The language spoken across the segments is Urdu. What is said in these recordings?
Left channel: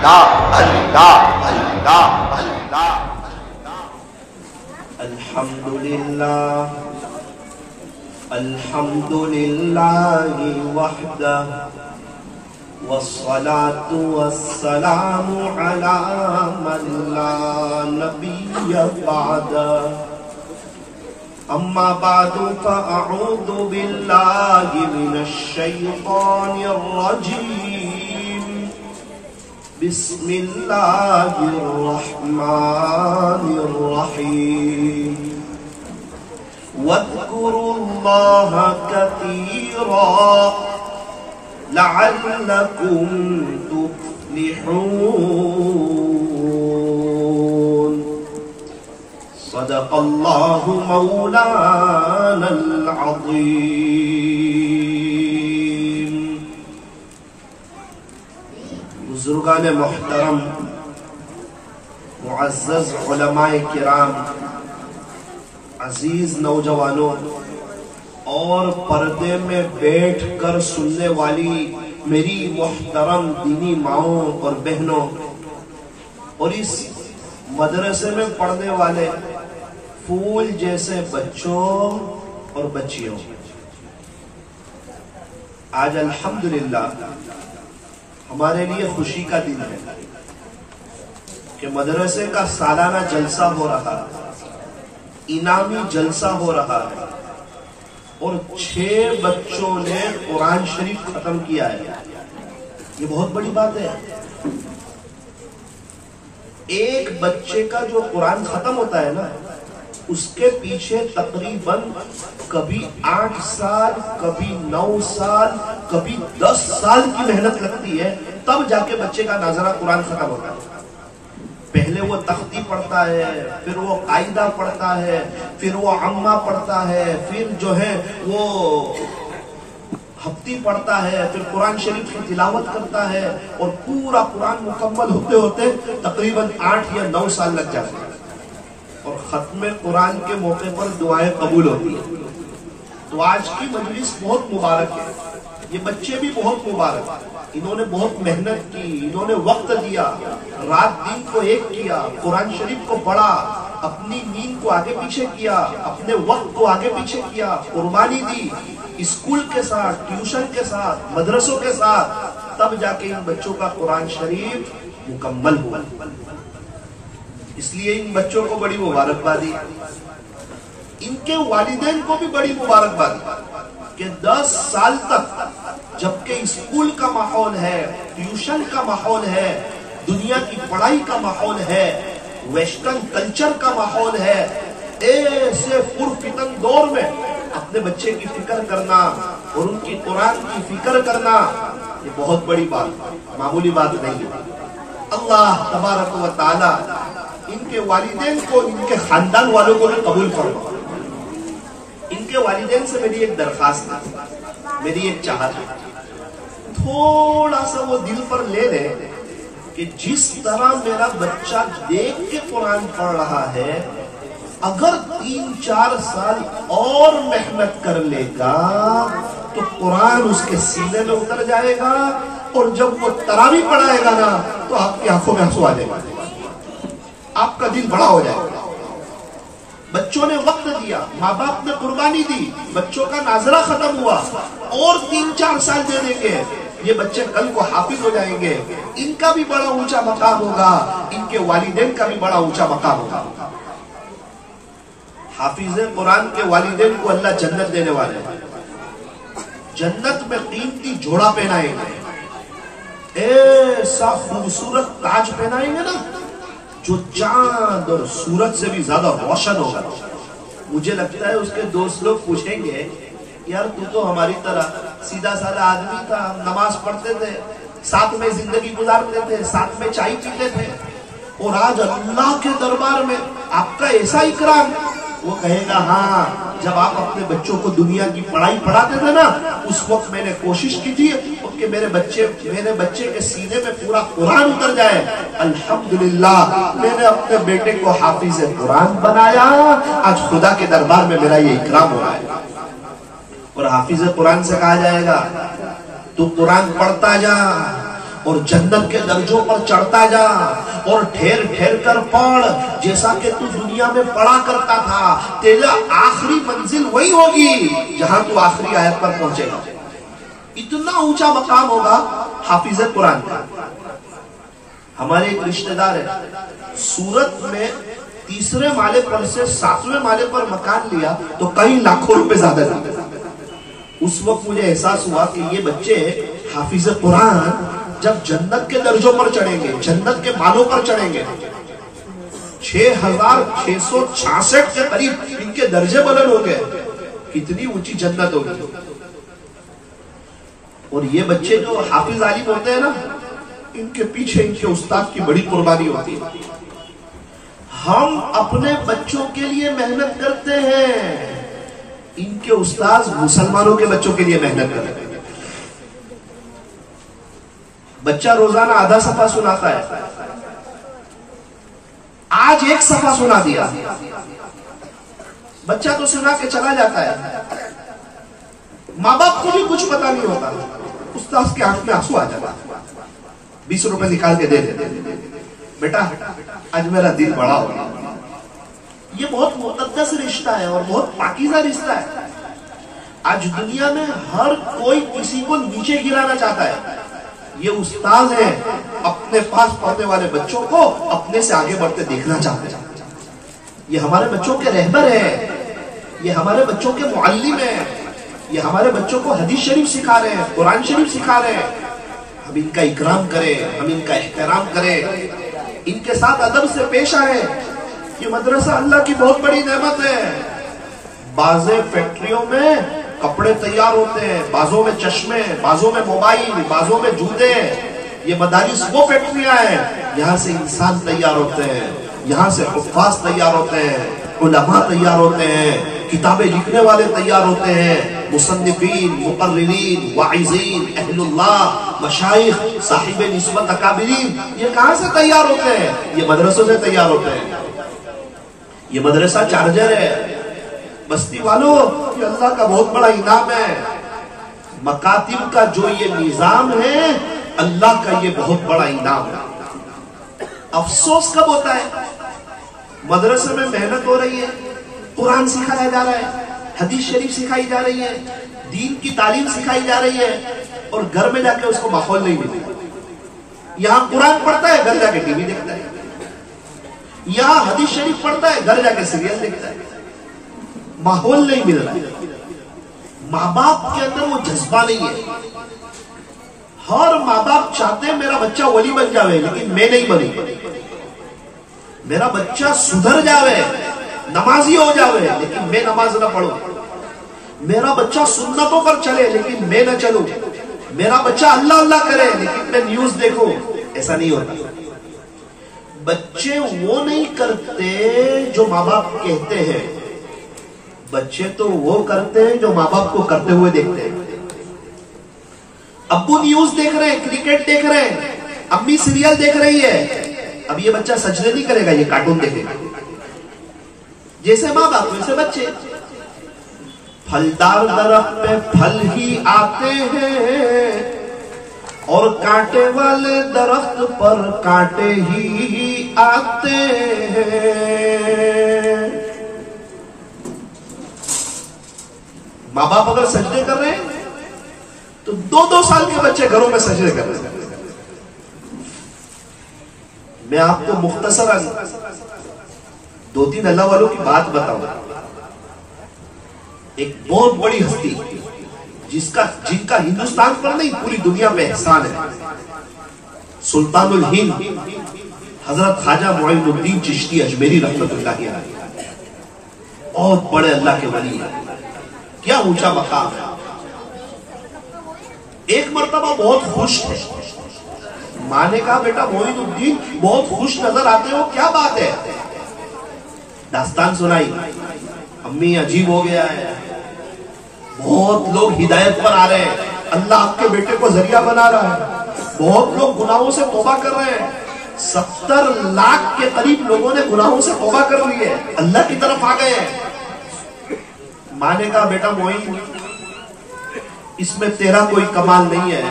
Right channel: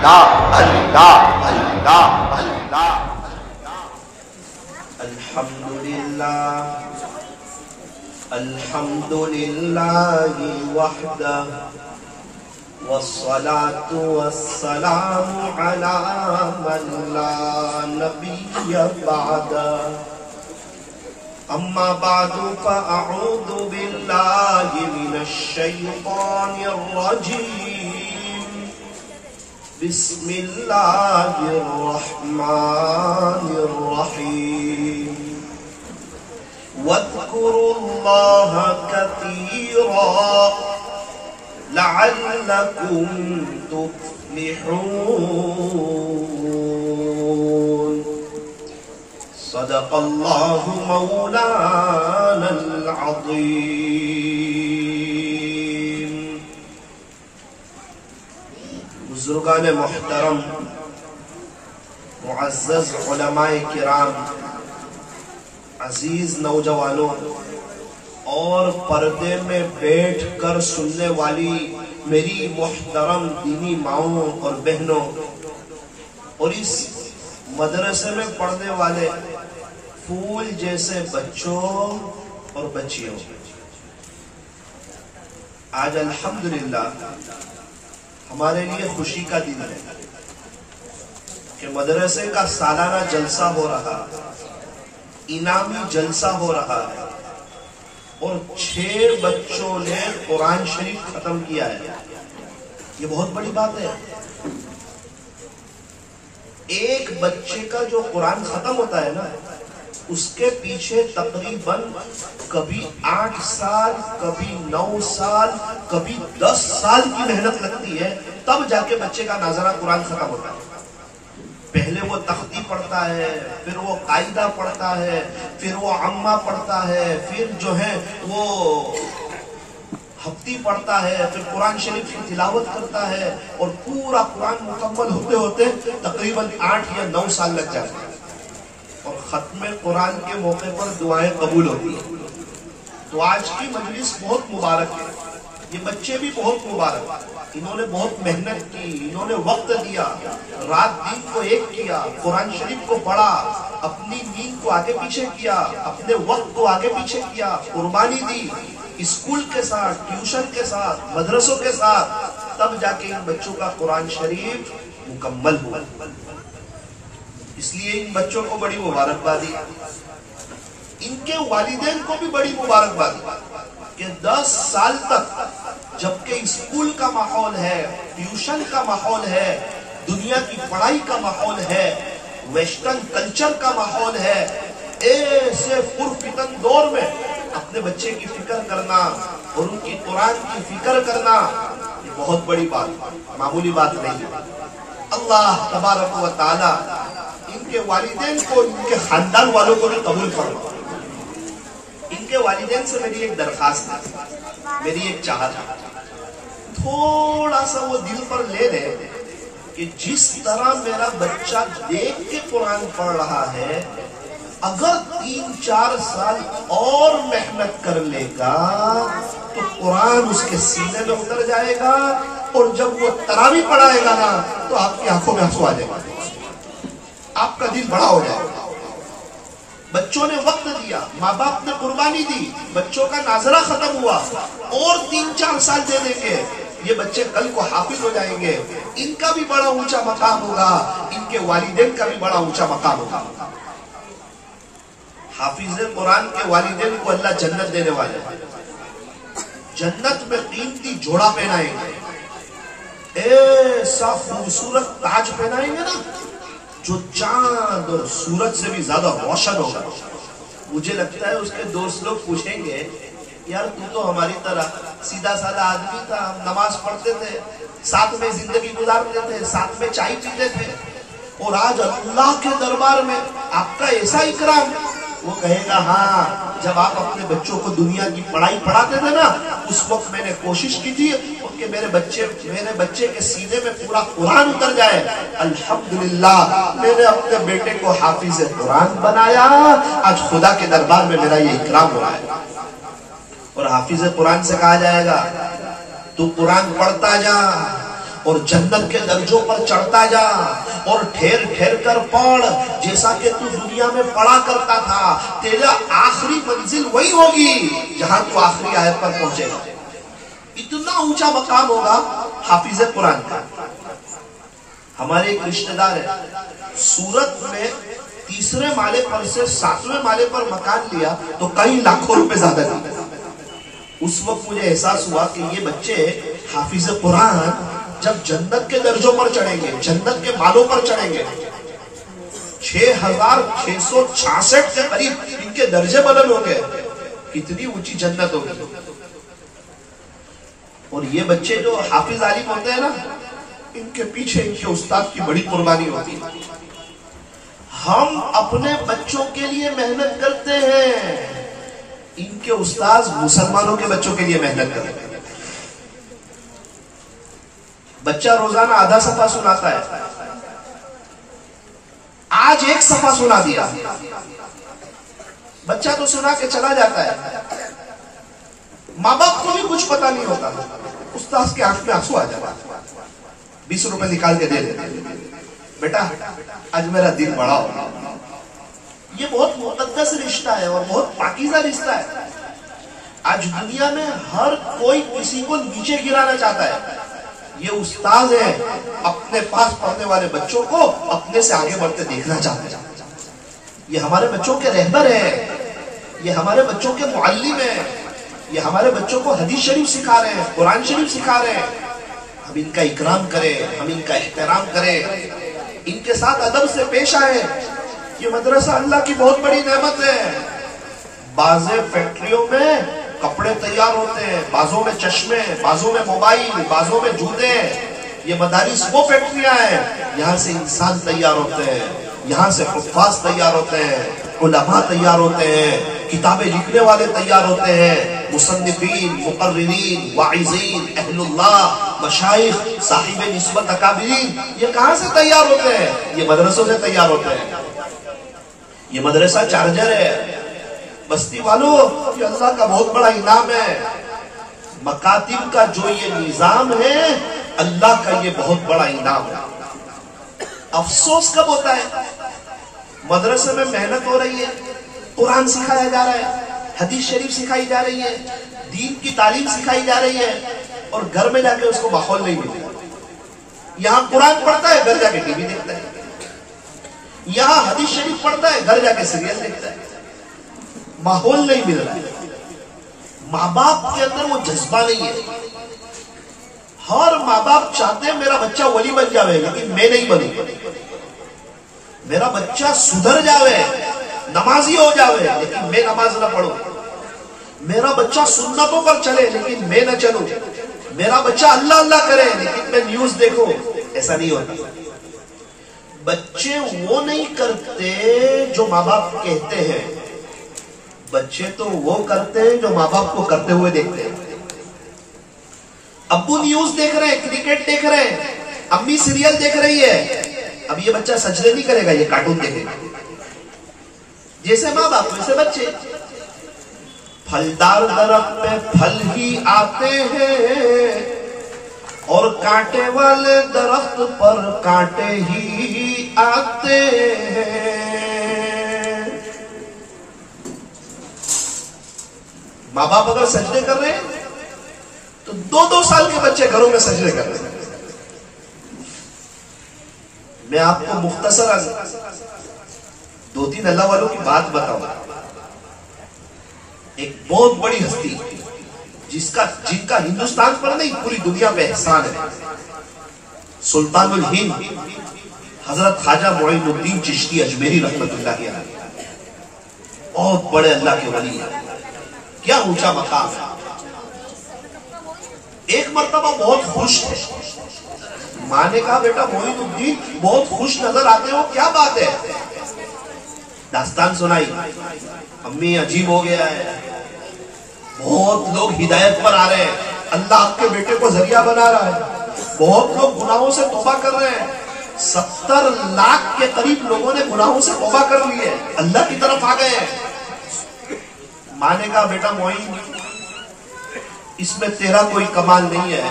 اللہ اللہ اللہ اللہ۔ الحمدللہ الحمدللہ وحدہ والصلاة والسلام على من لا نبی بعدہ۔ اما بعد فاعوذ باللہ من الشیطان الرجیم، بسم اللہ الرحمن الرحیم۔ واذکروا اللہ کثیرا لعلکم تفلحون۔ صدق اللہ مولانا العظیم۔ بزرگان محترم، معزز علماء کرام، عزیز نوجوانوں اور پردے میں بیٹھ کر سننے والی میری محترم دینی ماؤں اور بہنوں، اور اس مدرسے میں پڑھنے والے پھول جیسے بچوں اور بچیوں، آج الحمدللہ ہمارے لیے خوشی کا دن ہے کہ مدرسے کا سالانہ جلسہ ہو رہا ہے، انعامی جلسہ ہو رہا ہے، اور 6 بچوں نے قرآن شریف ختم کیا ہے۔ یہ بہت بڑی بات ہے۔ ایک بچے کا جو قرآن ختم ہوتا ہے نا، اس کے پیچھے تقریباً کبھی 8 سال، کبھی 9 سال، کبھی 10 سال کی محنت لگتی ہے، تب جا کے بچے کا ناظرہ قرآن ختم ہوتا ہے۔ پہلے وہ تختی پڑھتا ہے، پھر وہ قاعدہ پڑھتا ہے، پھر وہ عمہ پڑھتا ہے، پھر جو ہے وہ ہفتی پڑھتا ہے، پھر قرآن شریف کی تلاوت کرتا ہے، اور پورا قرآن مکمل ہوتے ہوتے تقریباً 8 یا 9 سال لگ جاتے ہیں، اور ختم قرآن کے موقع پر دعائیں قبول ہوتی ہیں۔ تو آج کی مجلس بہت مبارک ہے، یہ بچے بھی بہت مبارک، انہوں نے بہت محنت کی، انہوں نے وقت دیا، رات دن کو ایک کیا، قرآن شریف کو پڑھا، اپنی نیند کو آگے پیچھے کیا، اپنے وقت کو آگے پیچھے کیا، قربانی دی، اسکول کے ساتھ، ٹیوشن کے ساتھ، مدرسوں کے ساتھ، تب جا کے ان بچوں کا قرآن شریف مکمل ہوا۔ اس لیے ان بچوں کو بڑی مبارکبادی، ان کے والدین کو بھی بڑی مبارکباد کہ 10 سال تک جبکہ اسکول کا ماحول ہے، ٹیوشن کا ماحول ہے، دنیا کی پڑھائی کا ماحول ہے، ویسٹرن کلچر کا ماحول ہے، ایسے پرفتن دور میں اپنے بچے کی فکر کرنا اور ان کی قرآن کی فکر کرنا، یہ بہت بڑی بات، معمولی بات نہیں ہے۔ اللہ تبارک و تعالی ان کے والدین کو، ان کے خاندان والوں کو بھی قبول فرما۔ ان کے والدین سے میری ایک درخواست ہے، میری ایک چاہت ہے، تھوڑا سا وہ دل پر لے لے کہ جس طرح میرا بچہ دیکھ کے قرآن پڑھ رہا ہے، اگر 3-4 سال اور محنت کر لے گا تو قرآن اس کے سینے میں اتر جائے گا، اور جب وہ تراویح پڑھائے گا نا تو آپ کی آنکھوں میں آنسو آ جائے گا، آپ کا دل بڑا ہو جائے گا۔ بچوں نے وقت دیا، ماں باپ نے قربانی دی، بچوں کا ناظرہ ختم ہوا، اور 3-4 سال دے دیں گے، یہ بچے کل کو حافظ ہو جائیں گے، ان کا بھی بڑا اونچا مقام ہوگا، ان کے والدین کا بھی بڑا اونچا مقام ہوگا۔ حافظ قرآن کے والدین کو اللہ جنت دینے والے ہیں، جنت میں قیمتی جوڑا پہنائیں گے، ایسا خوبصورت تاج پہنائیں گے نا جو چاند اور سورج سے بھی زیادہ روشن ہوگا۔ مجھے لگتا ہے اس کے دوست لوگ پوچھیں گے، یار تو ہماری طرح سیدھا سادہ آدمی تھا، ہم نماز پڑھتے تھے، ساتھ میں زندگی گزارتے تھے، ساتھ میں چائے پیتے تھے، اور آج اللہ کے دربار میں آپ کا ایسا اکرام۔ وہ کہے گا ہاں، جب آپ اپنے بچوں کو دنیا کی پڑھائی پڑھاتے تھے نا، اس وقت میں نے کوشش کی تھی کہ میرے بچے کے سینے میں پورا قرآن اتر جائے۔ الحمدللہ میں نے اپنے بیٹے کو حافظ قرآن بنایا، آج خدا کے دربار میں میرا یہ اکرام ہو رہا ہے۔ اور حافظ قرآن سے کہا جائے گا تو قرآن پڑھتا جا، اور جنت کے درجوں پر چڑھتا جا اور ٹھہر ٹھہر کر پڑھ جیسا کہ تو دنیا میں پڑھا کرتا تھا. تیرا آخری منزل وہی ہوگی جہاں تو آخری آیت پر پہنچے گا. اتنا اونچا مقام ہوگا حافظ قرآن کا. ہمارے ایک رشتہ دار ہے, سورت میں تیسرے مالے پر سے 7ویں مالے پر مکان لیا تو کئی لاکھوں روپے زیادہ دیتے. اس وقت مجھے احساس ہوا کہ یہ بچے حافظ قرآن جب جنت کے درجوں پر چڑھیں گے, جنت کے مالوں پر چڑھیں گے, 6666 کے قریب ان کے درجے بلند ہو گئے, کتنی اونچی جنت ہوگی. اور یہ بچے جو حافظ عالم ہوتے ہیں نا, ان کے پیچھے ان کے استاد کی بڑی قربانی ہوتی ہے. ہم اپنے بچوں کے لیے محنت کرتے ہیں, ان کے استاذ مسلمانوں کے بچوں کے لیے محنت کرتے ہیں. بچہ روزانہ آدھا صفحہ سناتا ہے, آج 1 صفحہ سنا دیا. بچہ تو سنا کے چلا جاتا ہے, ماں باپ کو بھی کچھ پتا نہیں ہوتا, استاذ کے آنکھ میں آنسو آ جاتا, 20 روپے نکال کے دے دیتے, بیٹا آج میرا دل بڑا ہو. یہ بہت مقدس رشتہ ہے اور بہت پاکیزہ رشتہ ہے. آج دنیا میں ہر کوئی کسی کو نیچے گرانا چاہتا ہے. یہ استاد ہیں, اپنے پاس پڑھنے والے بچوں کو اپنے سے آگے بڑھتے دیکھنا چاہتے ہیں. یہ ہمارے بچوں کے رہبر ہیں, یہ ہمارے بچوں کے معلم ہیں, یہ ہمارے بچوں کو حدیث شریف سکھا رہے ہیں, قرآن شریف سکھا رہے ہیں. ہم ان کا اکرام کریں, ہم ان کا احترام کریں, ان کے ساتھ ادب سے پیش آئیں. یہ مدرسہ اللہ کی بہت بڑی نعمت ہے. بعض فیکٹریوں میں کپڑے تیار ہوتے ہیں, بعضوں میں چشمے, بعضوں میں موبائل, بعضوں میں جوتے. یہ مدارس وہ فیکٹریاں ہیں, یہاں سے انسان تیار ہوتے ہیں, یہاں سے حفاظ تیار ہوتے ہیں, علماء تیار ہوتے ہیں, کتابیں لکھنے والے تیار ہوتے ہیں, مصنفین, مقررین, واعظین, اہل اللہ, مشائخ, صاحب نسبت, اکابرین. یہ کہاں سے تیار ہوتے ہیں؟ یہ مدرسوں سے تیار ہوتے ہیں. یہ مدرسہ چارجر ہے. بستی والوں, یہ اللہ کا بہت بڑا انعام ہے. مکاتب کا جو یہ نظام ہے, اللہ کا یہ بہت بڑا انعام ہے. افسوس کب ہوتا ہے؟ مدرسے میں محنت ہو رہی ہے, قرآن سکھایا جا رہا ہے, حدیث شریف سکھائی جا رہی ہے, دین کی تعلیم سکھائی جا رہی ہے, اور گھر میں جا کے اس کو ماحول نہیں ملتا. یہاں قرآن پڑھتا ہے, گھر جا کے ٹی وی دیکھتا ہے. یہاں حدیث شریف پڑھتا ہے, گھر جا کے سیریل دیکھتا ہے. ماحول نہیں مل رہا. ماں باپ کے اندر وہ جذبہ نہیں ہے. ہر ماں باپ چاہتے ہیں میرا بچہ ولی بن جاوے, لیکن میں نہیں بنوں. میرا بچہ سدھر جاوے, نمازی ہو جاوے, لیکن میں نماز نہ پڑھوں. میرا بچہ سنتوں پر چلے, لیکن میں نہ چلوں. میرا بچہ اللہ اللہ کرے, لیکن میں نیوز دیکھوں. ایسا نہیں ہوتا. بچے وہ نہیں کرتے جو ماں باپ کہتے ہیں, بچے تو وہ کرتے ہیں جو ماں باپ کو کرتے ہوئے دیکھتے ہیں. ابو نیوز دیکھ رہے ہیں, کرکٹ دیکھ رہے ہیں, امی سیریل دیکھ رہی ہے, اب یہ بچہ سجدے نہیں کرے گا, یہ کارٹون دیکھے گا. جیسے ماں باپ ویسے بچے. پھلدار درخت پہ پھل ہی آتے ہیں, اور کانٹے والے درخت پر کانٹے ہی آتے ہیں. ماں باپ اگر سجدے کر رہے ہیں تو 2-2 سال کے بچے گھروں میں سجدے کر رہے ہیں. میں آپ کو مختصر 2-3 اللہ والوں کی بات بتاؤں. ایک بہت بڑی ہستی جن کا ہندوستان پر نہیں پوری دنیا میں احسان ہے, سلطان الہند حضرت خواجہ معین الدین چشتی اجمیری رحمت اللہ علیہ. بہت بڑے اللہ کے ولی ہیں, کیا اونچا مقام ہے. ایک مرتبہ بہت خوش تھے. ماں نے کہا بیٹا معین الدین بہت خوش نظر آتے ہو, کیا بات ہے؟ داستان سنائی. امی عجیب ہو گیا ہے, بہت لوگ ہدایت پر آ رہے ہیں, اللہ آپ کے بیٹے کو ذریعہ بنا رہا ہے, بہت لوگ گناہوں سے توبہ کر رہے ہیں. 70 لاکھ کے قریب لوگوں نے گناہوں سے توبہ کر لی ہے, اللہ کی طرف آ گئے ہیں. ماں نے کہا بیٹا معین اس میں تیرا کوئی کمال نہیں ہے,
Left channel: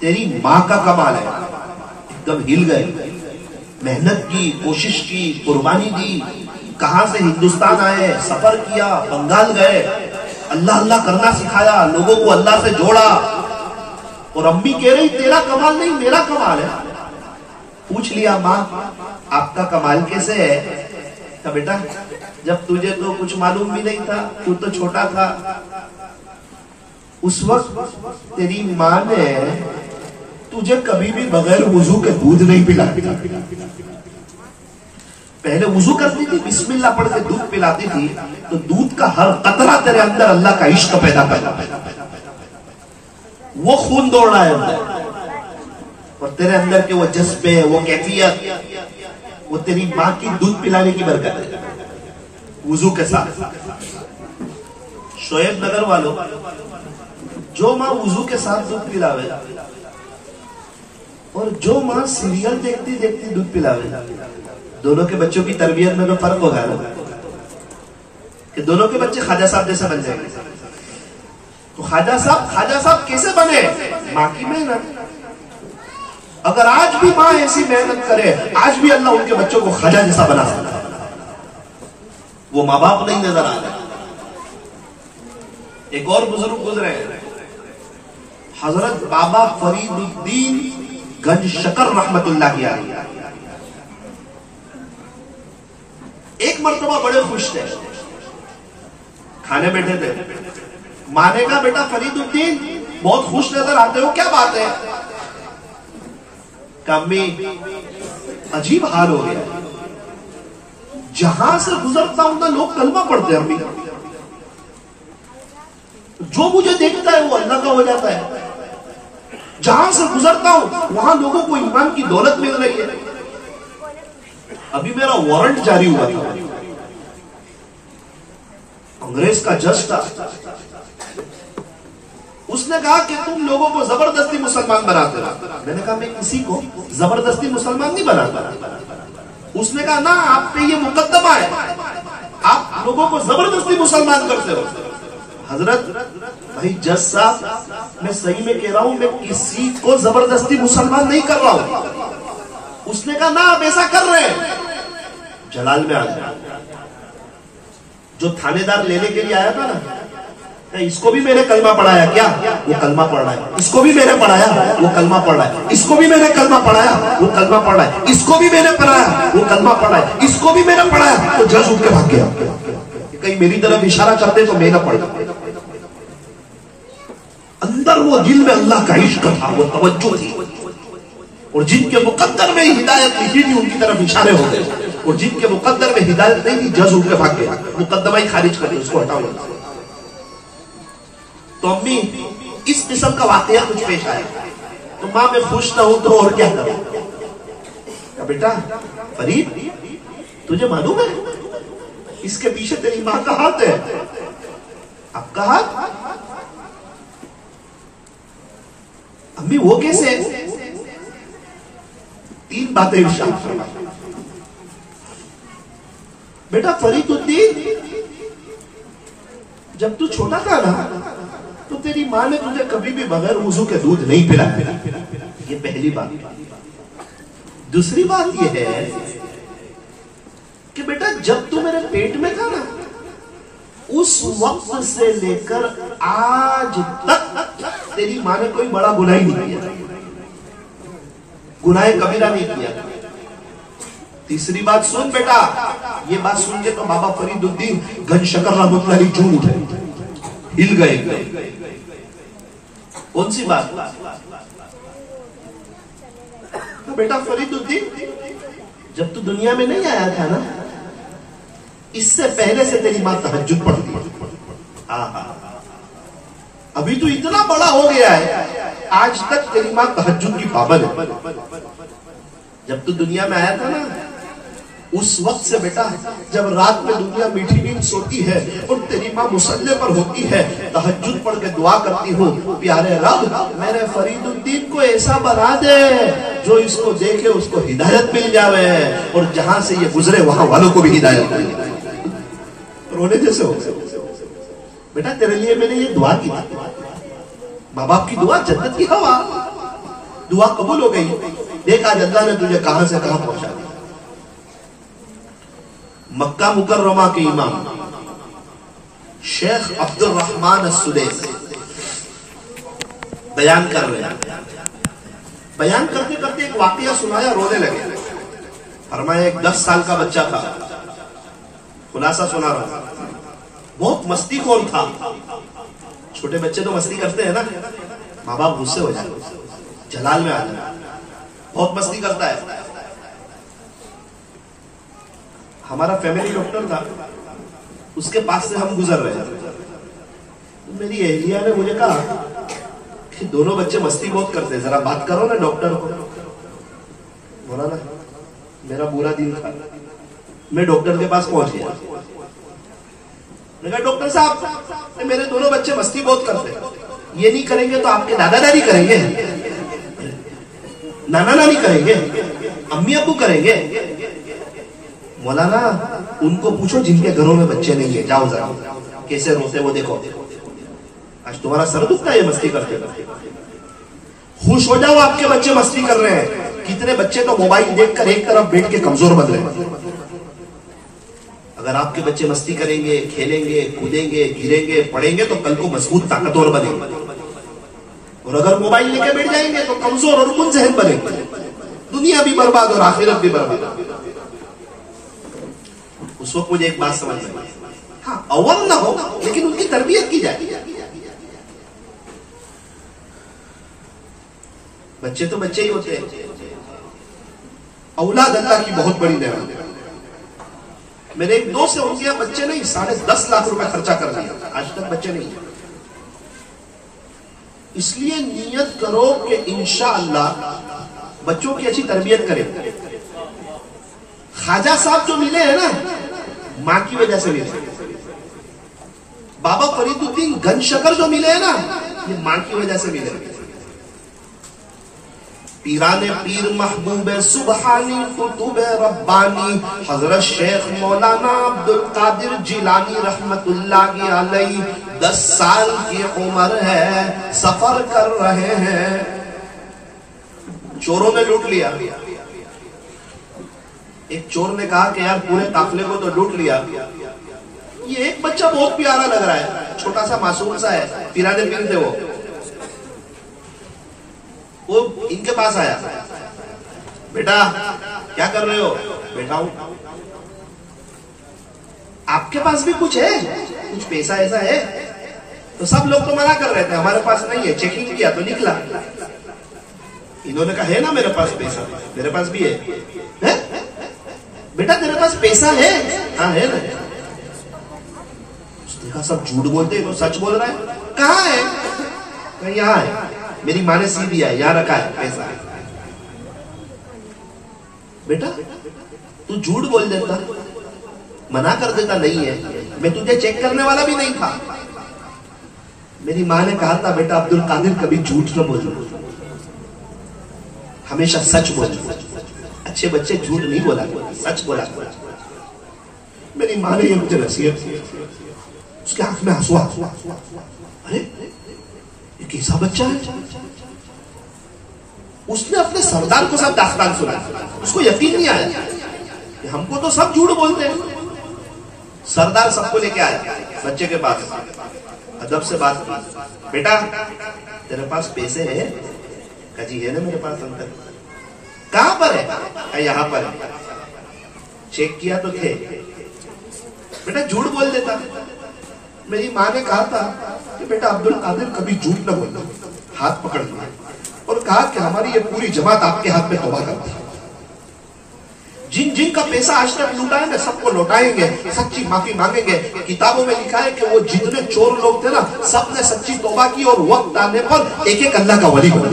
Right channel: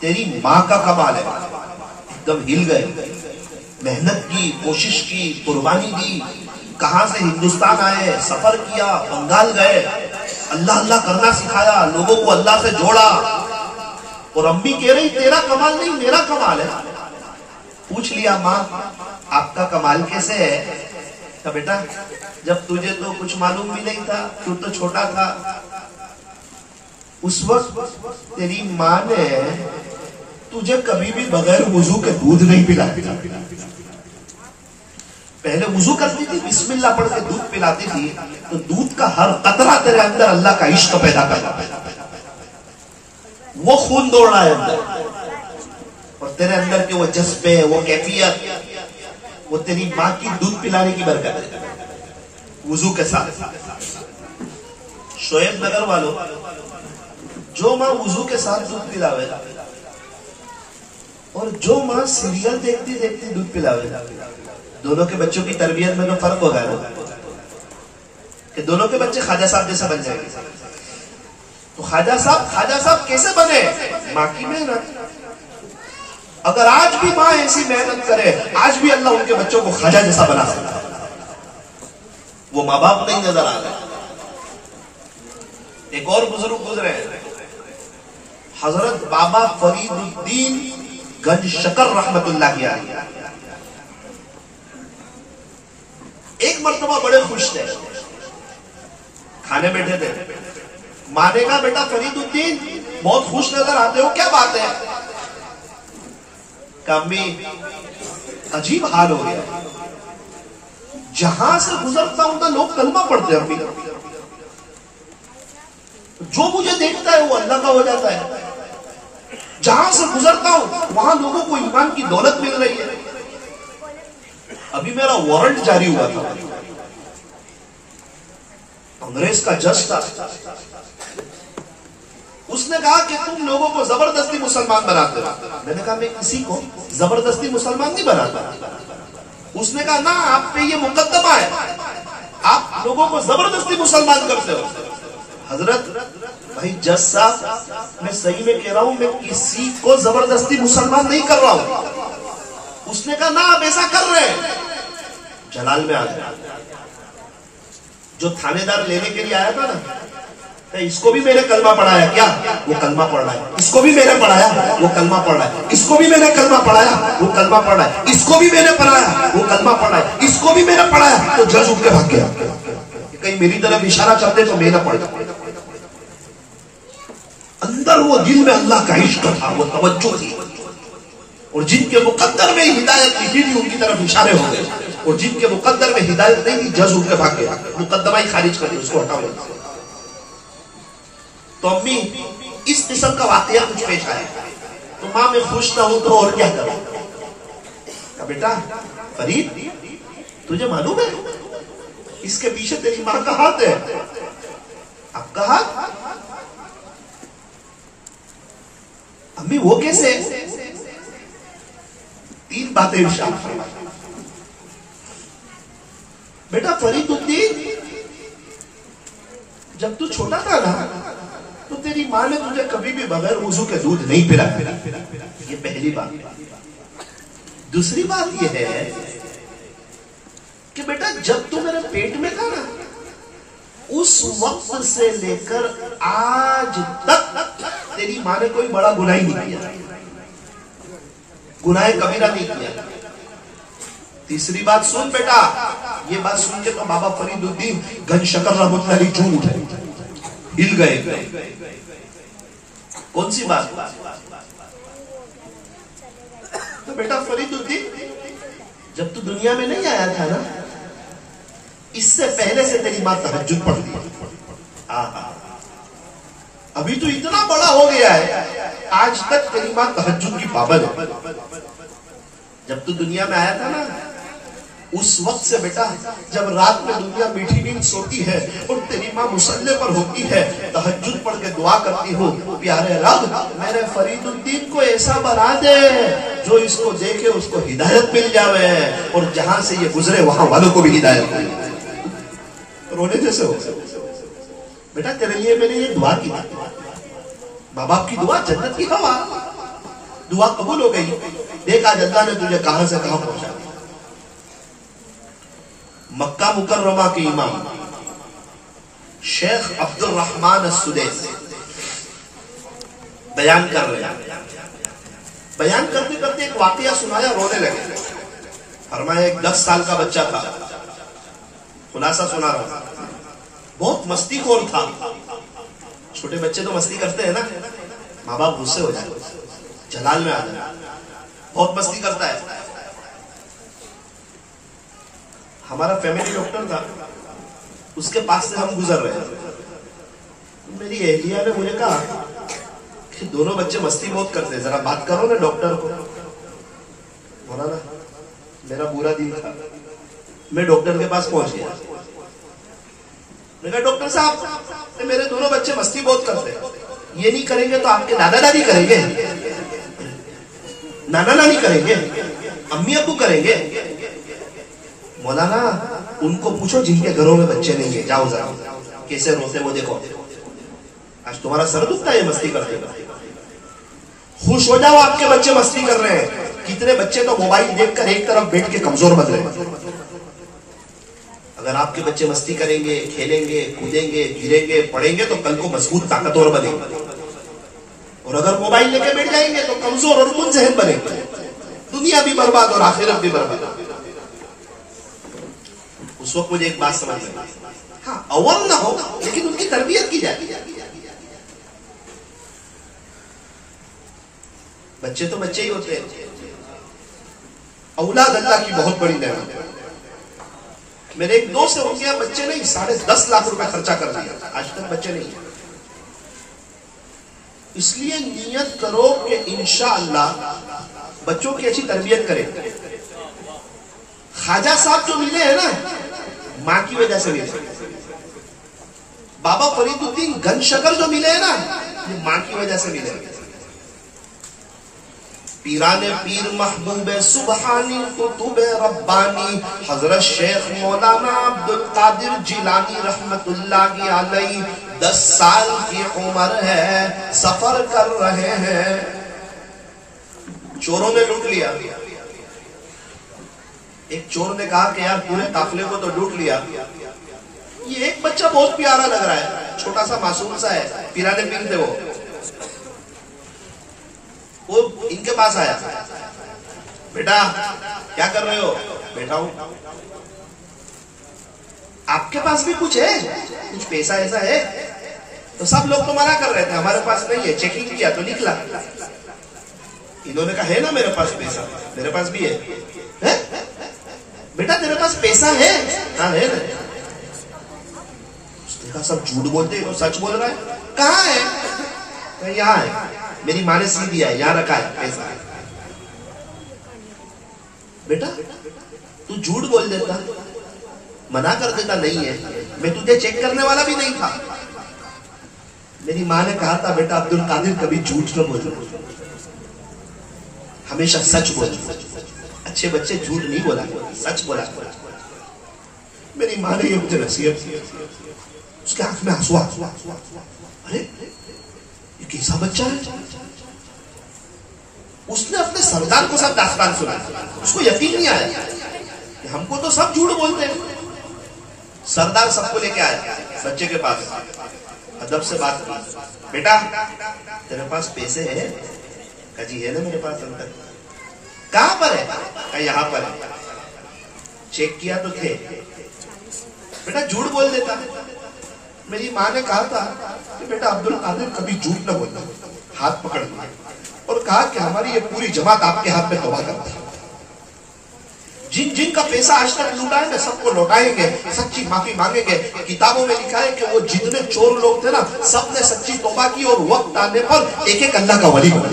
تیری ماں کا کمال ہے. ایک دم ہل گئے. محنت کی، کوشش کی، قربانی دی. کہاں سے ہندوستان آئے، سفر کیا، بنگال گئے، اللہ اللہ کرنا سکھایا، لوگوں کو اللہ سے جوڑا. اور امی کہہ رہی تیرا کمال نہیں میرا کمال ہے. پوچھ لیا ماں آپ کا کمال کیسے ہے؟ کہ بیٹا جب تجھے تو کچھ معلوم بھی نہیں تھا، تو چھوٹا تھا، اس وقت تیری ماں نے تجھے کبھی بھی بغیر وضو کے دودھ نہیں پلایا. پہلے وضو کرتی تھی، بسم اللہ پڑھ کے دودھ پلاتی تھی، تو دودھ کا ہر قطرہ تیرے اندر اللہ کا عشق پیدا کرتا، وہ خون دوڑ رہا ہے اندر، اور تیرے اندر کے وہ جذبے، وہ کیفیت، وہ تیری ماں کی دودھ پلانے کی برکت ہے وضو کے ساتھ. شعیب نگر والوں، جو ماں وضو کے ساتھ دودھ پلاوے اور جو ماں سیریل دیکھتی دیکھتی دودھ پلاوے، دونوں کے بچوں کی تربیت میں تو فرق ہوگا نا، کہ دونوں کے بچے خواجہ صاحب جیسا بن جائیں گے. تو خواجہ صاحب کیسے بنے؟ ماں کی محنت. اگر آج بھی ماں ایسی محنت کرے، آج بھی اللہ ان کے بچوں کو خواجہ جیسا بنا سکتا ہے. وہ ماں باپ نہیں نظر آ رہے. ایک اور بزرگ گزرے، حضرت بابا فرید الدین گنج شکر رحمت اللہ کی علیہ. ایک مرتبہ بڑے خوش تھے، کھانے بیٹھے تھے. ماں نے کہا بیٹا فرید الدین بہت خوش نظر آتے ہو، کیا بات ہے؟ کہ امی عجیب حال ہو گیا، جہاں سے گزرتا ہوں نا لوگ کلمہ پڑھتے ہیں. امی جو مجھے دیکھتا ہے وہ اللہ کا ہو جاتا ہے. جہاں سے گزرتا ہوں وہاں لوگوں کو ایمان کی دولت مل رہی ہے. ابھی میرا وارنٹ جاری ہوا تھا، انگریز کا جج تھا. اس نے کہا کہ تم لوگوں کو زبردستی مسلمان بناتے ہو. میں نے کہا میں کسی کو زبردستی مسلمان نہیں بناتا. اس نے کہا نا آپ پہ یہ مقدمہ ہے، آپ لوگوں کو زبردستی مسلمان کرتے ہو. حضرت بھائی جج صاحب میں صحیح میں کہہ رہا ہوں، میں کسی کو زبردستی مسلمان نہیں کر رہا ہوں. اس نے کہا نا آپ ایسا کر رہے ہیں. جلال میں آ گیا. جو تھانے دار لینے کے لیے آیا تھا نا، اس کو بھی میں نے کلمہ پڑھایا کیا؟ وہ کلمہ پڑھ رہا ہے. اس کو بھی میں نے پڑھایا، وہ کلمہ پڑھ رہا ہے. اس کو بھی میں نے کلمہ پڑھایا، وہ کلمہ پڑھ رہا ہے. اس کو بھی میں نے پڑھایا، وہ کلمہ پڑھ رہا ہے. اس کو بھی میں نے پڑھایا. تو جج اٹھ کے بھاگ گیا. کہیں میری طرف اشارہ کرتے تو میں نہ پڑھتا. اندر وہ دل میں اللہ کا عشق تھا، وہ توجہ تھی. اور جن کے مقدر میں ہدایت لکھی تھی ان کی طرف اشارے ہو گئے، اور جن کے مقدر میں ہدایت نہیں تھی جج اٹھ کے بھاگ گیا. مقدمہ ہی خارج کر دیا، اس کو ہٹاؤ. تو امی اس قسم کا واقعہ کچھ پیش آیا تو ماں میں خوش نہ ہوں تو اور کیا کروں؟ کہ بیٹا فرید تجھے معلوم ہے اس کے پیچھے تیری ماں کا ہاتھ ہے. آپ کا ہاتھ؟ امی وہ کیسے؟ 3 باتیں ارشاد فرمائی. بیٹا فرید الدین جب تو چھوٹا تھا نا تو تیری ماں نے تجھے کبھی بھی بغیر وضو کے دودھ نہیں پلایا. یہ پہلی بات. دوسری بات یہ ہے کہ بیٹا جب تو میرے پیٹ میں تھا نا اس وقت سے لے کر آج تک تیری ماں نے کوئی بڑا گناہ ہی نہیں کیا، گناہ کبیرہ نہیں کیا. تیسری بات سن بیٹا، یہ بات سن کے تو بابا فرید الدین گنج شکر رحمت اللہ علیہ چون اٹھے، ہل گئے. کون سی بات؟ تو بیٹا فرید الدین جب تو دنیا میں نہیں آیا تھا نا اس سے پہلے سے تیری ماں تہجد پڑھتی. ابھی تو اتنا بڑا ہو گیا ہے آج تک تیری ماں تہجد کی پابند ہے. جب تو دنیا میں آیا تھا نا اس وقت سے بیٹا جب رات میں دنیا میٹھی نیند سوتی ہے اور تیری ماں مصلی پر ہوتی ہے تہجد پڑھ کے دعا کرتی ہوں، پیارے رب میرے فرید الدین کو ایسا بنا دے جو اس کو دیکھے اس کو ہدایت مل جاوے اور جہاں سے یہ گزرے وہاں والوں کو بھی ہدایت مل جائے. رونے جیسے ہو بیٹا تیرے لیے میں نے یہ دعا کی. ماں باپ کی دعا جنت کی ہوا. دعا قبول ہو گئی. دیکھ آج اللہ نے تجھے کہاں سے کہاں پہنچا. مکہ مکرمہ کے امام شیخ عبد الرحمن السدیس بیان کر رہے ہیں. بیان کرتے کرتے ایک واقعہ سنایا, رونے لگے. فرمایا ایک 10 سال کا بچہ تھا, خلاصہ سنا رہا ہوں, بہت مستی خور تھا. چھوٹے بچے تو مستی کرتے ہیں نا, ماں باپ غصے ہو جاتے, جلال میں آ جاتے, بہت مستی کرتا ہے. ہمارا فیملی ڈاکٹر تھا, اس کے پاس سے ہم گزر رہے ہیں. میری اہلیہ نے مجھے کہا کہ دونوں بچے مستی بہت کرتے ہیں, ذرا بات کرو نا ڈاکٹر کو. بولا نا میرا برا دن تھا, میں ڈاکٹر کے پاس پہنچ گیا. میں کہا ڈاکٹر صاحب میرے دونوں بچے مستی بہت کرتے ہیں, یہ نہیں کریں گے تو آپ کے دادا دادی کریں گے, نانا نانی کریں گے, امی ابو کریں گے. مولانا ان کو پوچھو جن کے گھروں میں بچے نہیں ہیں, جاؤ ذرا کیسے روتے وہ دیکھو. آج تمہارا سر دکھتا ہے یہ مستی کرتے ہیں. خوش ہو جاؤ آپ کے بچے مستی کر رہے ہیں. کتنے بچے تو موبائل دیکھ کر ایک طرف بیٹھ کے کمزور بن رہے ہیں. اگر آپ کے بچے مستی کریں گے, کھیلیں گے, کودیں گے, گریں گے, پڑھیں گے تو کل کو مضبوط طاقتور بنیں گے. اور اگر موبائل لے کے بیٹھ جائیں گے تو کمزور اور منذہن بنیں گے. دنیا بھی برباد اور آخرت بھی برباد. اس وقت مجھے ایک بات سمجھ میں, ہاں اول نہ ہو لیکن ان کی تربیت کی جائے. بچے تو بچے ہی ہوتے ہیں. اولاد اللہ کی بہت بڑی نعمت ہے. میرے ایک دوست سے ہو گیا, بچے نہیں 10.5 لاکھ روپے خرچہ کر دیا, آج تک بچے نہیں. اس لیے نیت کرو کہ انشاءاللہ بچوں کی اچھی تربیت کریں. خواجہ صاحب جو ملے ہیں نا ماں کی وجہ سے ملے. بابا فرید الدین گن شکر جو ملے ہیں نا یہ ماں کی وجہ سے ملے. پیران پیر محبوب سبحانی کتب ربانی حضرت شیخ مولانا عبد القادر جیلانی رحمت اللہ علیہ 10 سال کی عمر ہے, سفر کر رہے ہیں. چوروں نے لوٹ لیا. ایک چور نے کہا کہ یار پورے قافلے کو تو لوٹ لیا, یہ ایک بچہ بہت پیارا لگ رہا ہے, چھوٹا سا معصوم سا ہے. پیرانے پیر تھے وہ ان کے پاس آیا. بیٹا کیا کر رہے ہو؟ بیٹا ہوں. آپ کے پاس بھی کچھ ہے, کچھ پیسہ ایسا ہے؟ تو سب لوگ تو منع کر رہے تھے ہمارے پاس نہیں ہے. چیکنگ کیا تو نکلا. انہوں نے کہا ہے نا میرے پاس پیسہ. میرے پاس بھی ہے. بیٹا تیرے پاس پیسہ ہے؟ ہاں ہے نا. اس نے کہا سب جھوٹ بولتے ہیں, سچ بول رہا ہے. کہاں ہے؟ یہاں ہے, میری ماں نے سی دیا ہے, یہاں رکھا ہے پیسہ. بیٹا تو جھوٹ بول دیتا, منع کر دیتا نہیں ہے, میں تجھے چیک کرنے والا بھی نہیں تھا. میری ماں نے کہا تھا بیٹا عبد القادر کبھی جھوٹ نہ بولو, ہمیشہ سچ بولو. اچھے بچے جھوٹ نہیں بولا, سچ بولا. میری ماں نے یہ مجھے نصیحت کی. اس کے آنکھ میں آنسو آ. ارے یہ کیسا بچہ ہے. اس نے اپنے سردار کو سب داستان سنایا. اس کو یقین نہیں آیا کہ ہم کو تو سب جھوٹ بولتے ہیں. سردار سب کو لے کے آیا بچے کے پاس, ادب سے بات کی. بیٹا تیرے پاس پیسے ہیں؟ کہا جی ہے نا میرے پاس. انکل کہاں پر ہے؟ کہا یہاں پر ہے. چیک کیا تو تھے. بیٹا جھوٹ بول دیتا. میری ماں نے کہا تھا کہ بیٹا عبد القادر کبھی جھوٹ نہ بولنا. ہاتھ پکڑ لیا اور کہا کہ ہماری یہ پوری جماعت آپ کے ہاتھ میں توبہ کرتا ہے. جن جن کا پیسہ آج تک لوٹا ہے نا سب کو لوٹائیں گے, سچی معافی مانگیں گے. کتابوں میں لکھا ہے کہ وہ جتنے چور لوگ تھے نا سب نے سچی توبہ کی اور وقت آنے پر ایک ایک اللہ کا ولی بنا.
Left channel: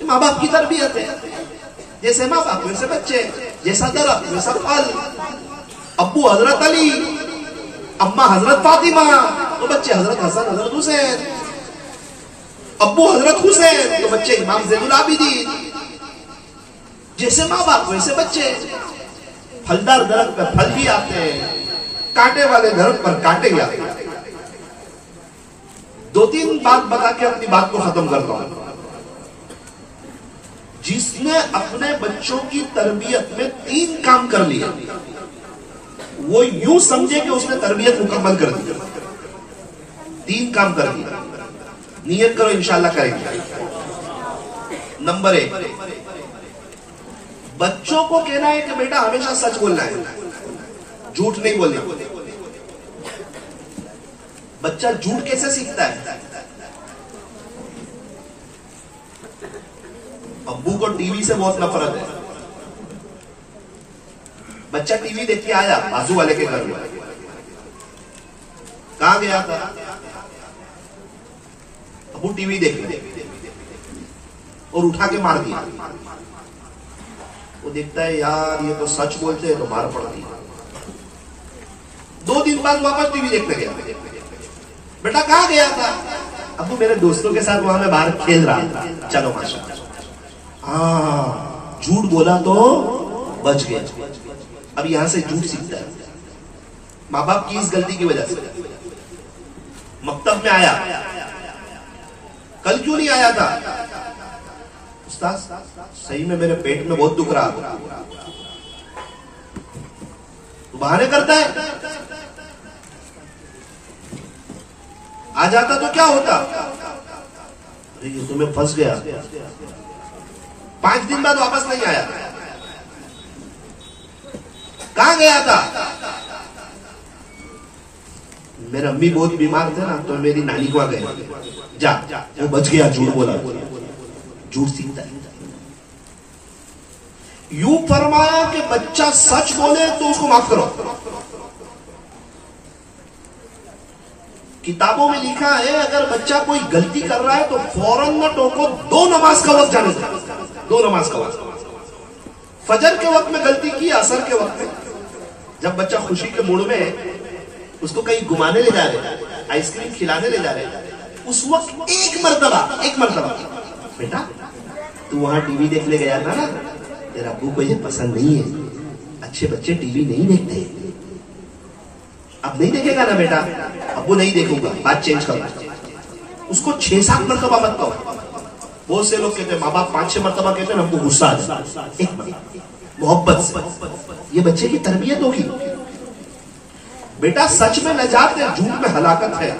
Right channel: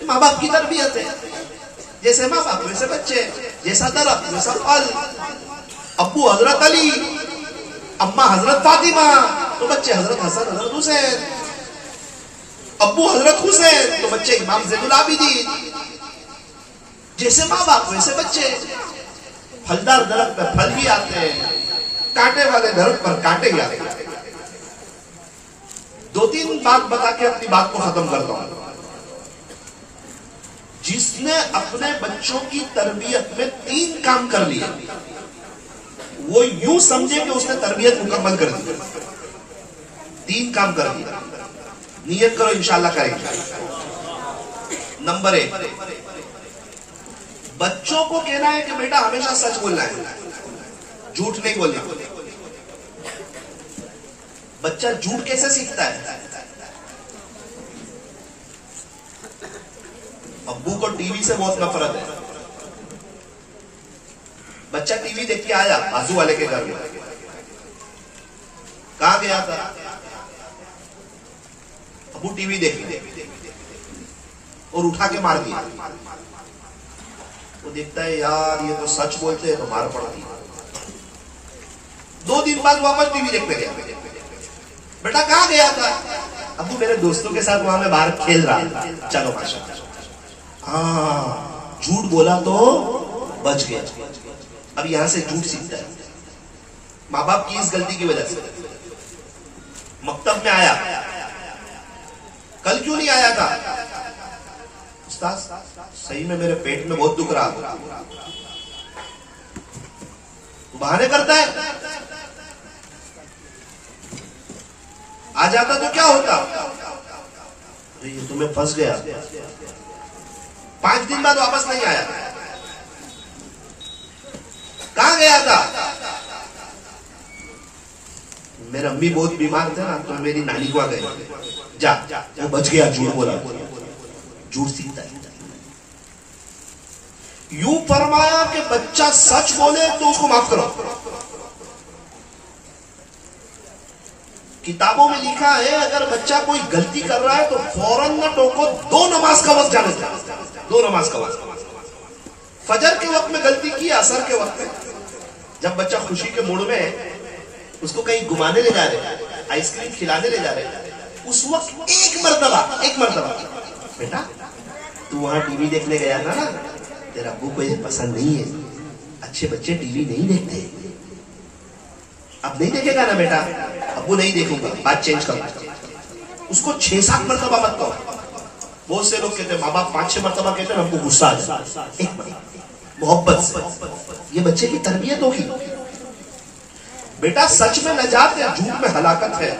ماں باپ کی تربیت ہے. جیسے ماں باپ ویسے بچے, جیسا درخت ویسا پھل. ابو حضرت علی, اماں حضرت فاطمہ, تو بچے حضرت حسن حضرت حسین. ابو حضرت حسین تو بچے امام زین العابدین. جیسے ماں باپ ویسے بچے. پھلدار درخت پر پھل بھی آتے ہیں, کانٹے والے درخت پر کانٹے بھی آتے ہیں. 2-3 بات بتا کے اپنی بات کو ختم کرتا ہوں. جس نے اپنے بچوں کی تربیت میں 3 کام کر لیے وہ یوں سمجھے کہ اس نے تربیت مکمل کر دی. 3 کام کر دیا. نیت کرو انشاءاللہ کریں گے. نمبر 1، بچوں کو کہنا ہے کہ بیٹا ہمیشہ سچ بولنا ہے، جھوٹ نہیں بولنا. بچہ جھوٹ کیسے سیکھتا ہے؟ ابو کو ٹی وی سے بہت نفرت ہے. بچہ ٹی وی دیکھ کے آیا بازو والے کے گھر میں، کہاں گیا تھا؟ ابو ٹی وی دیکھ لیا اور اٹھا کے مار دیا. وہ دیکھتا ہے یار یہ تو سچ بولتے ہیں تو مار پڑتی. 2 دن بعد واپس ٹی وی دیکھنے گیا. بیٹا کہاں گیا تھا؟ ابو میرے دوستوں کے ساتھ وہاں میں باہر کھیل رہا تھا. چلو ماشاء اللہ. ہاں جھوٹ بولا تو بچ گیا. اب یہاں سے جھوٹ سیکھتا ہے ماں باپ کی اس غلطی کی وجہ سے. مکتب میں آیا، کل کیوں نہیں آیا تھا؟ استاد صحیح میں میرے پیٹ میں بہت دکھ رہا تھا. تو بہانے کرتا ہے. آ جاتا تو کیا ہوتا؟ یہ تو میں پھنس گیا. 5 دن بعد واپس نہیں آیا. کہاں گیا تھا؟ میرے امی بہت بیمار تھے نا تو میری نانی کو آ گئے. جا وہ بچ گیا. جھوٹ بولا. جھوٹ سیکھتا ہے. یوں فرمایا کہ بچہ سچ بولے تو اس کو معاف کرو. کتابوں میں لکھا ہے اگر بچہ کوئی غلطی کر رہا ہے تو فوراً نہ ٹوکو. 2 نماز کا وقت جانے دو. 2 نماز کا وقت. فجر کے وقت میں غلطی کی، اثر کے وقت میں جب بچہ خوشی کے موڑ میں ہے اس کو کہیں گھمانے لے جا رہے، آئس کریم کھلانے لے جا رہے، اس وقت ایک مرتبہ بیٹا تو وہاں ٹی وی دیکھنے گیا تھا نا، تیرا ابو کو یہ پسند نہیں ہے، اچھے بچے ٹی وی نہیں دیکھتے. اب نہیں دیکھے گا نا بیٹا؟ ابو نہیں دیکھوں گا، بات چینج کرو. اس کو 6-7 مرتبہ مت کہو. بہت سے لوگ کہتے ہیں ماں باپ 5-6 مرتبہ کہتے ہیں ہم کو غصہ آ جائے. ایک محبت سے یہ بچے کی تربیت ہوگی. بیٹا سچ میں نجات ہے، جھوٹ میں ہلاکت ہے.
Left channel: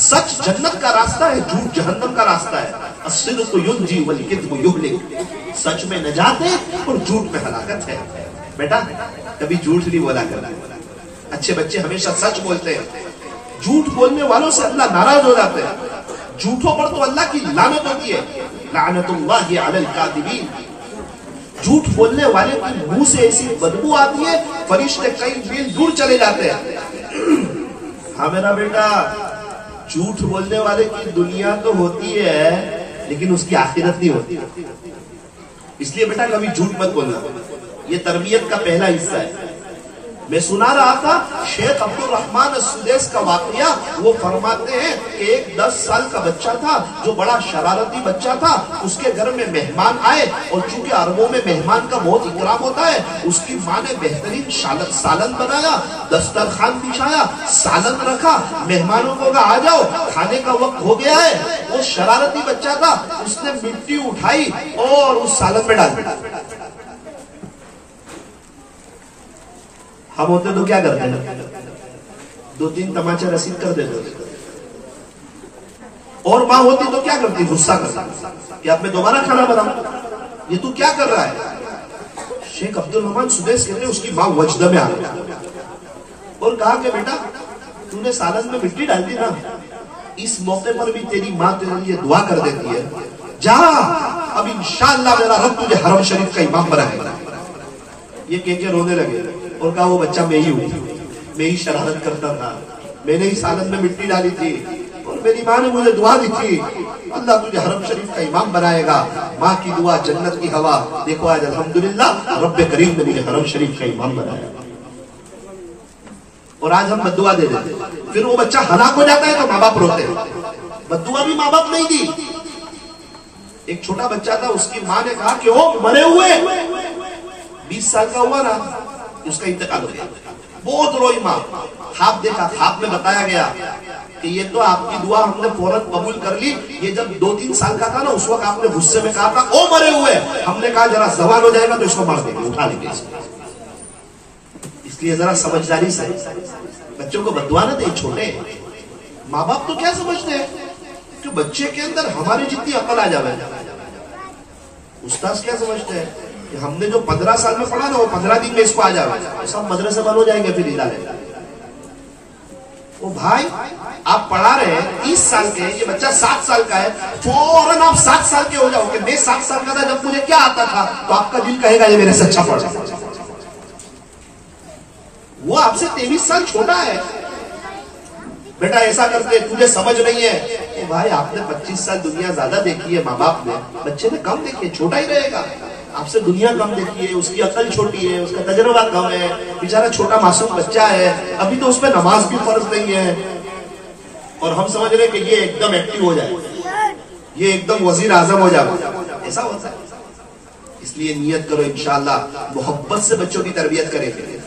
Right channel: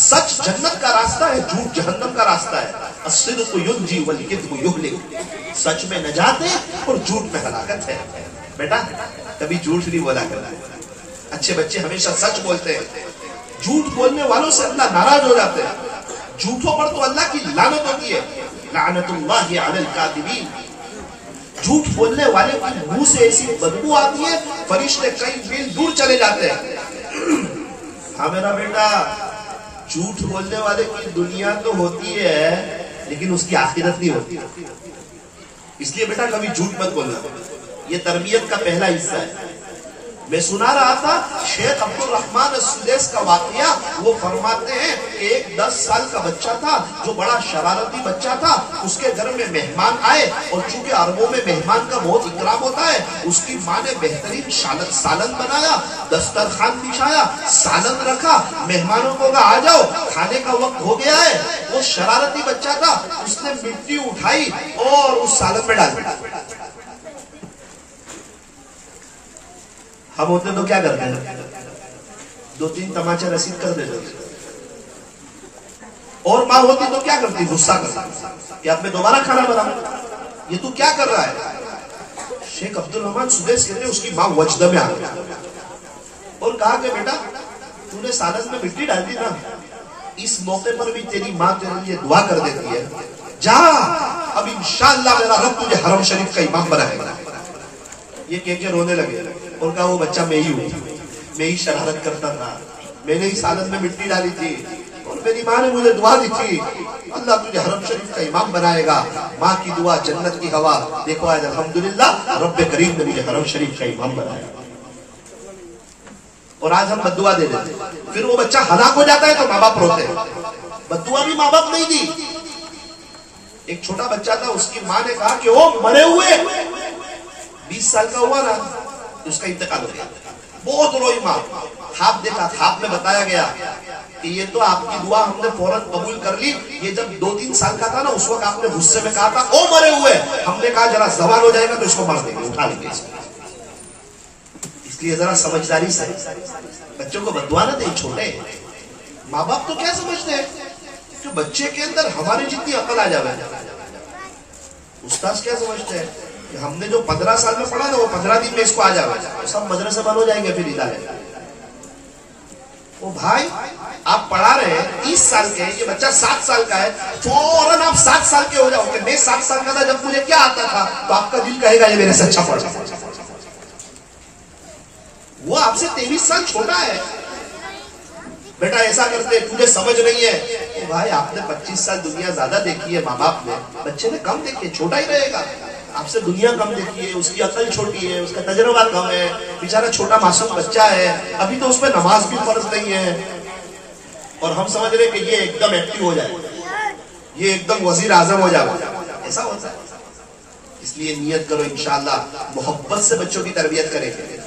سچ جنت کا راستہ ہے، جھوٹ جہنم کا راستہ ہے. الصدق ینجی والکذب یہلک. سچ میں نجات ہے اور جھوٹ میں ہلاکت ہے. بیٹا کبھی جھوٹ نہیں بولا کرنا. اچھے بچے ہمیشہ سچ بولتے ہیں. جھوٹ بولنے والوں سے اللہ ناراض ہو جاتے ہیں. جھوٹوں پر تو اللہ کی لعنت ہوتی ہے. لعنت اللہ علی الکاذبین. جھوٹ بولنے والے کی منہ سے ایسی بدبو آتی ہے فرشتے کئی میل دور چلے جاتے ہیں. ہاں میرا بیٹا جھوٹ بولنے والے کی دنیا تو ہوتی ہے لیکن اس کی آخرت نہیں ہوتی. اس لیے بیٹا کبھی جھوٹ مت بولنا. یہ تربیت کا پہلا حصہ ہے. میں سنا رہا تھا شیخ عبد الرحمن السدیس کا واقعہ. وہ فرماتے ہیں کہ ایک 10 سال کا بچہ تھا جو بڑا شرارتی بچہ تھا. اس کے گھر میں مہمان آئے اور چونکہ عربوں میں مہمان کا بہت اکرام ہوتا ہے اس کی ماں نے بہترین سالن بنایا، دسترخوان بچھایا، سالن رکھا، مہمانوں کو کہا آ جاؤ کھانے کا وقت ہو گیا ہے. وہ شرارتی بچہ تھا، اس نے مٹی اٹھائی اور اس سالن میں ڈال دی. ہم ہوتے تو کیا کرتے ہیں؟ 2-3 تماچے رسید کر دیتے. اور ماں ہوتی تو کیا کرتی؟ غصہ کرتی کہ اب میں دوبارہ کھانا بناؤں. یہ تو کیا کر رہا ہے؟ شیخ عبد الرحمن سدیس کہتے ہیں اس کی ماں وجدہ میں آ گئی اور کہا کہ بیٹا تو نے سالن میں مٹی ڈال دی نا، اس موقع پر بھی تیری ماں تیرے لیے دعا کر دیتی ہے. جا اب انشاءاللہ میرا رب تجھے حرم شریف کا امام بنائے گا. یہ کہہ کے رونے لگے اور کہا وہ بچہ میں ہی ہوں، میں ہی شرارت کرتا تھا، میں نے ہی سالن میں مٹی ڈالی تھی اور میری ماں نے مجھے دعا دی تھی اللہ تجھے حرم شریف کا امام بنائے گا. ماں کی دعا جنت کی ہوا. دیکھو آج الحمدللہ رب کریم نے مجھے حرم شریف کا امام بنایا. اور آج ہم بددعا دے دیتے. پھر وہ بچہ ہلاک ہو جاتا ہے تو ماں باپ روتے ہیں. بددعا بھی ماں باپ نہیں دی. ایک چھوٹا بچہ تھا، اس کی ماں نے کہا کہ وہ مرے ہوئے 20 سال کا ہوا نا اس کا انتقال ہو گیا. بہت روئی ماں. خواب دیکھا, خواب میں بتایا گیا کہ یہ تو آپ کی دعا ہم نے فوراً قبول کر لی. یہ جب 2-3 سال کا تھا نا, اس وقت آپ نے غصے میں کہا تھا او مرے ہوئے. ہم نے کہا ذرا زوال ہو جائے گا تو اس کو مار دیں گے, اٹھا لیں گے. اس لیے ذرا سمجھداری سے بچوں کو بددعا نہ دیں. چھوٹے ماں باپ تو کیا سمجھتے ہیں کہ بچے کے اندر ہماری جتنی عقل آ جائے. استاذ کیا سمجھتے ہیں کہ ہم نے جو 15 سال میں پڑھا نا وہ 15 دن میں اس کو آ جائے, سب مدرسے بند ہو جائیں گے پھر ادارے. وہ بھائی آپ پڑھا رہے ہیں 30 سال کے, یہ بچہ 7 سال کا ہے, فوراً آپ 7 سال کے ہو جاؤ کہ میں 7 سال کا تھا جب مجھے کیا آتا تھا, تو آپ کا دل کہے گا یہ میرے سے اچھا پڑھا. وہ آپ سے 23 سال چھوٹا ہے. بیٹا ایسا کرتے تجھے سمجھ نہیں ہے. وہ بھائی آپ نے 25 سال دنیا زیادہ دیکھی ہے, ماں باپ نے, بچے نے کم دیکھی ہے, چھوٹا ہی رہے گا. آپ سے دنیا کم دیکھی ہے, اس کی عقل چھوٹی ہے, اس کا تجربہ کم ہے, بیچارہ چھوٹا معصوم بچہ ہے, ابھی تو اس پہ نماز بھی فرض نہیں ہے. اور ہم سمجھ رہے کہ یہ ایک دم ایکٹیو ہو جائے, یہ ایک دم وزیر اعظم ہو جائے. ایسا ہوتا ہے. اس لیے نیت کرو انشاءاللہ محبت سے بچوں کی تربیت کریں گے.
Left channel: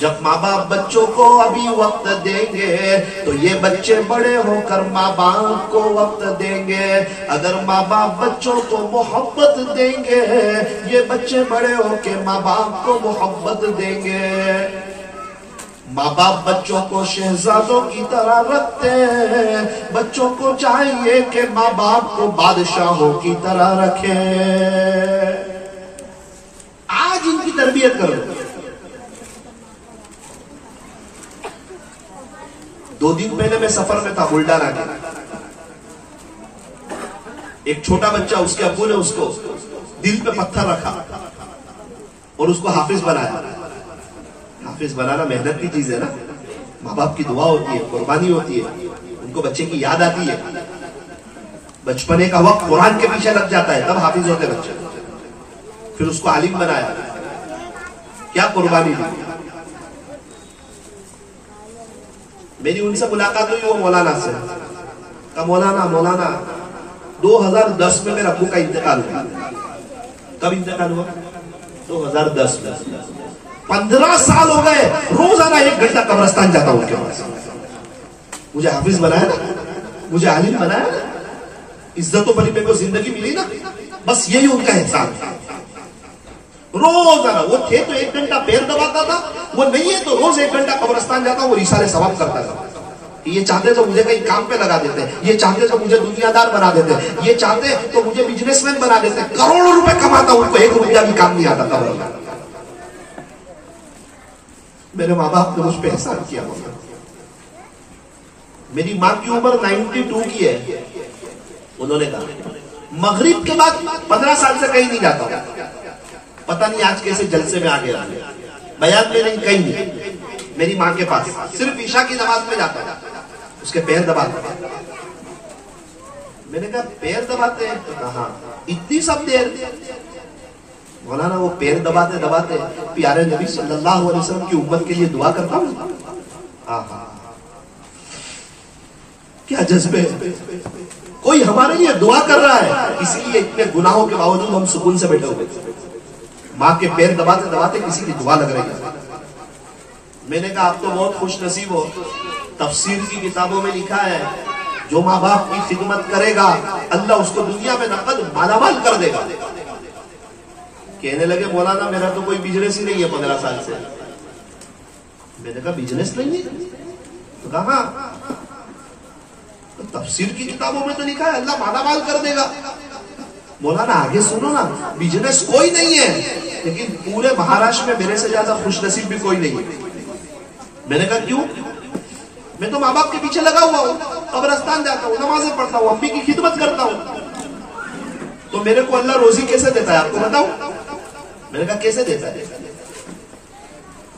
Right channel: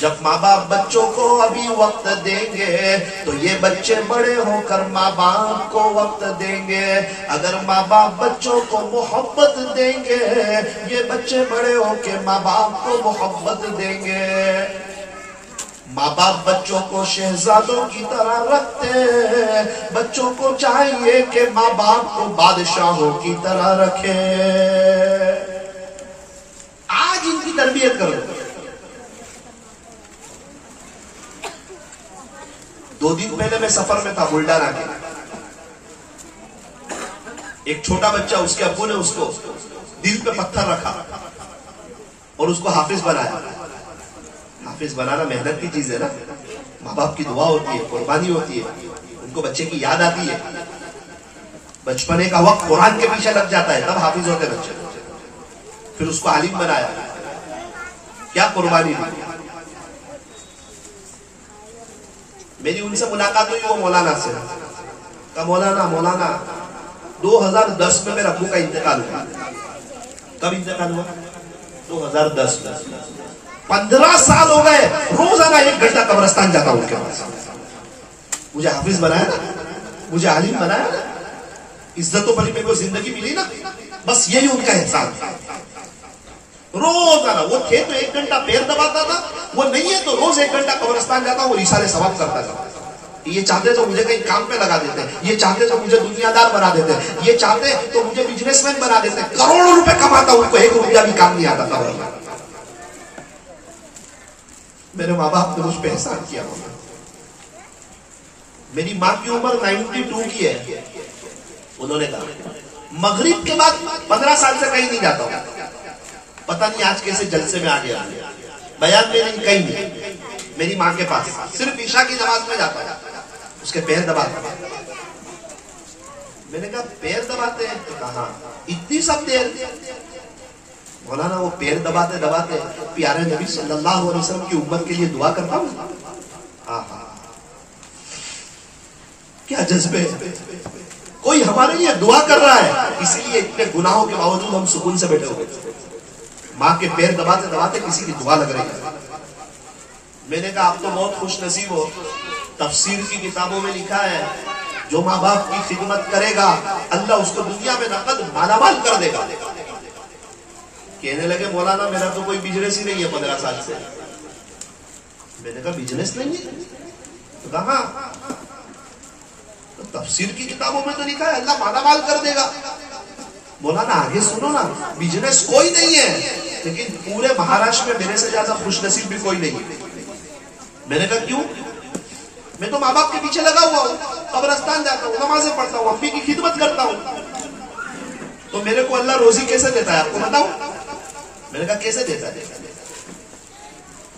جب ماں باپ بچوں کو ابھی وقت دیں گے تو یہ بچے بڑے ہو کر ماں باپ کو وقت دیں گے. اگر ماں باپ بچوں کو محبت دیں گے, یہ بچے بڑے ہو کے ماں باپ کو محبت دیں گے. ماں باپ بچوں کو شہزادوں کی طرح رکھتے ہیں, بچوں کو چاہیے کہ ماں باپ کو بادشاہوں کی طرح رکھیں. آج ان کی تربیت کرو. 2 دن پہلے میں سفر میں تھا بلڈانا کے. ایک چھوٹا بچہ, اس کے ابو نے اس کو دل پہ پتھر رکھا اور اس کو حافظ بنایا. حافظ بنانا محنت کی چیز ہے نا, ماں باپ کی دعا ہوتی ہے, قربانی ہوتی ہے, ان کو بچے کی یاد آتی ہے. بچپنے کا وقت قرآن کے پیچھے لگ جاتا ہے, تب حافظ ہوتے بچے. پھر اس کو عالم بنایا. کیا قربانی دی. میری ان سے ملاقات ہوئی, وہ مولانا سے. کہا مولانا 2010 میں میرے ابو کا انتقال ہوا. کب انتقال ہوا؟ 2010 میں. 15 سال ہو گئے, روزانہ 1 گھنٹہ قبرستان جاتا ہوں ان کے پاس. مجھے حافظ بنایا نا, مجھے عالم بنایا نا, عزت و بڑی میرے کو زندگی ملی نا, بس یہی ان کا احسان تھا. روزانہ وہ تھے تو 1 گھنٹہ پیر دباتا تھا, وہ نہیں ہے تو روز 1 گھنٹہ قبرستان جاتا, وہ رسالے ثواب کرتا تھا. یہ چاہتے تو مجھے کہیں کام پہ لگا دیتے, یہ چاہتے تو مجھے دنیا دار بنا دیتے, یہ چاہتے تو مجھے بزنس مین بنا دیتے. کروڑوں روپے کماتا ہوں, ان کو 1 روپیہ بھی کام نہیں آتا تھا. میرے ماں باپ نے مجھ پہ احسان کیا. میری ماں کی عمر 92 کی ہے. انہوں نے کہا مغرب کے بعد 15 سال سے کہیں نہیں جاتا ہوں. پتہ نہیں آج کیسے جلسے میں آگے آ گیا, بیان میں نہیں, کہیں نہیں. میری ماں کے پاس صرف عشاء کی نماز میں جاتا ہے, اس کے پیر دباتا. میں نے کہا پیر دباتے ہیں؟ تو کہا اتنی سب دیر. مولانا وہ پیر دباتے دباتے پیارے نبی صلی اللہ علیہ وسلم کی امت کے لیے دعا کرتا ہوں. کیا جذبے, کوئی ہمارے لیے دعا کر رہا ہے, اسی لیے اتنے گناہوں کے باوجود ہم سکون سے بیٹھے ہوئے. ماں کے پیر دباتے دباتے کسی کی دعا لگ رہی ہے. میں نے کہا آپ تو بہت خوش نصیب ہو, تفسیر کی کتابوں میں لکھا ہے جو ماں باپ کی خدمت کرے گا اللہ اس کو دنیا میں نقد مالا مال کر دے گا. کہنے لگے مولانا میرا تو کوئی بزنس ہی نہیں ہے 15 سال سے. میں نے کہا بزنس نہیں ہے؟ تو کہا تفسیر کی کتابوں میں تو لکھا ہے اللہ مالا مال کر دے گا. مولانا آگے سنو نا, بزنس کوئی نہیں ہے لیکن پورے مہاراشٹر میں میرے سے زیادہ خوش نصیب بھی کوئی نہیں ہے. میں نے کہا کیوں؟ میں تو ماں باپ کے پیچھے لگا ہوا ہوں, قبرستان جاتا ہوں, نمازیں پڑھتا ہوں, امی کی خدمت کرتا ہوں. تو میرے کو اللہ روزی کیسے دیتا ہے آپ کو بتاؤ؟ میں نے کہا کیسے دیتا ہے؟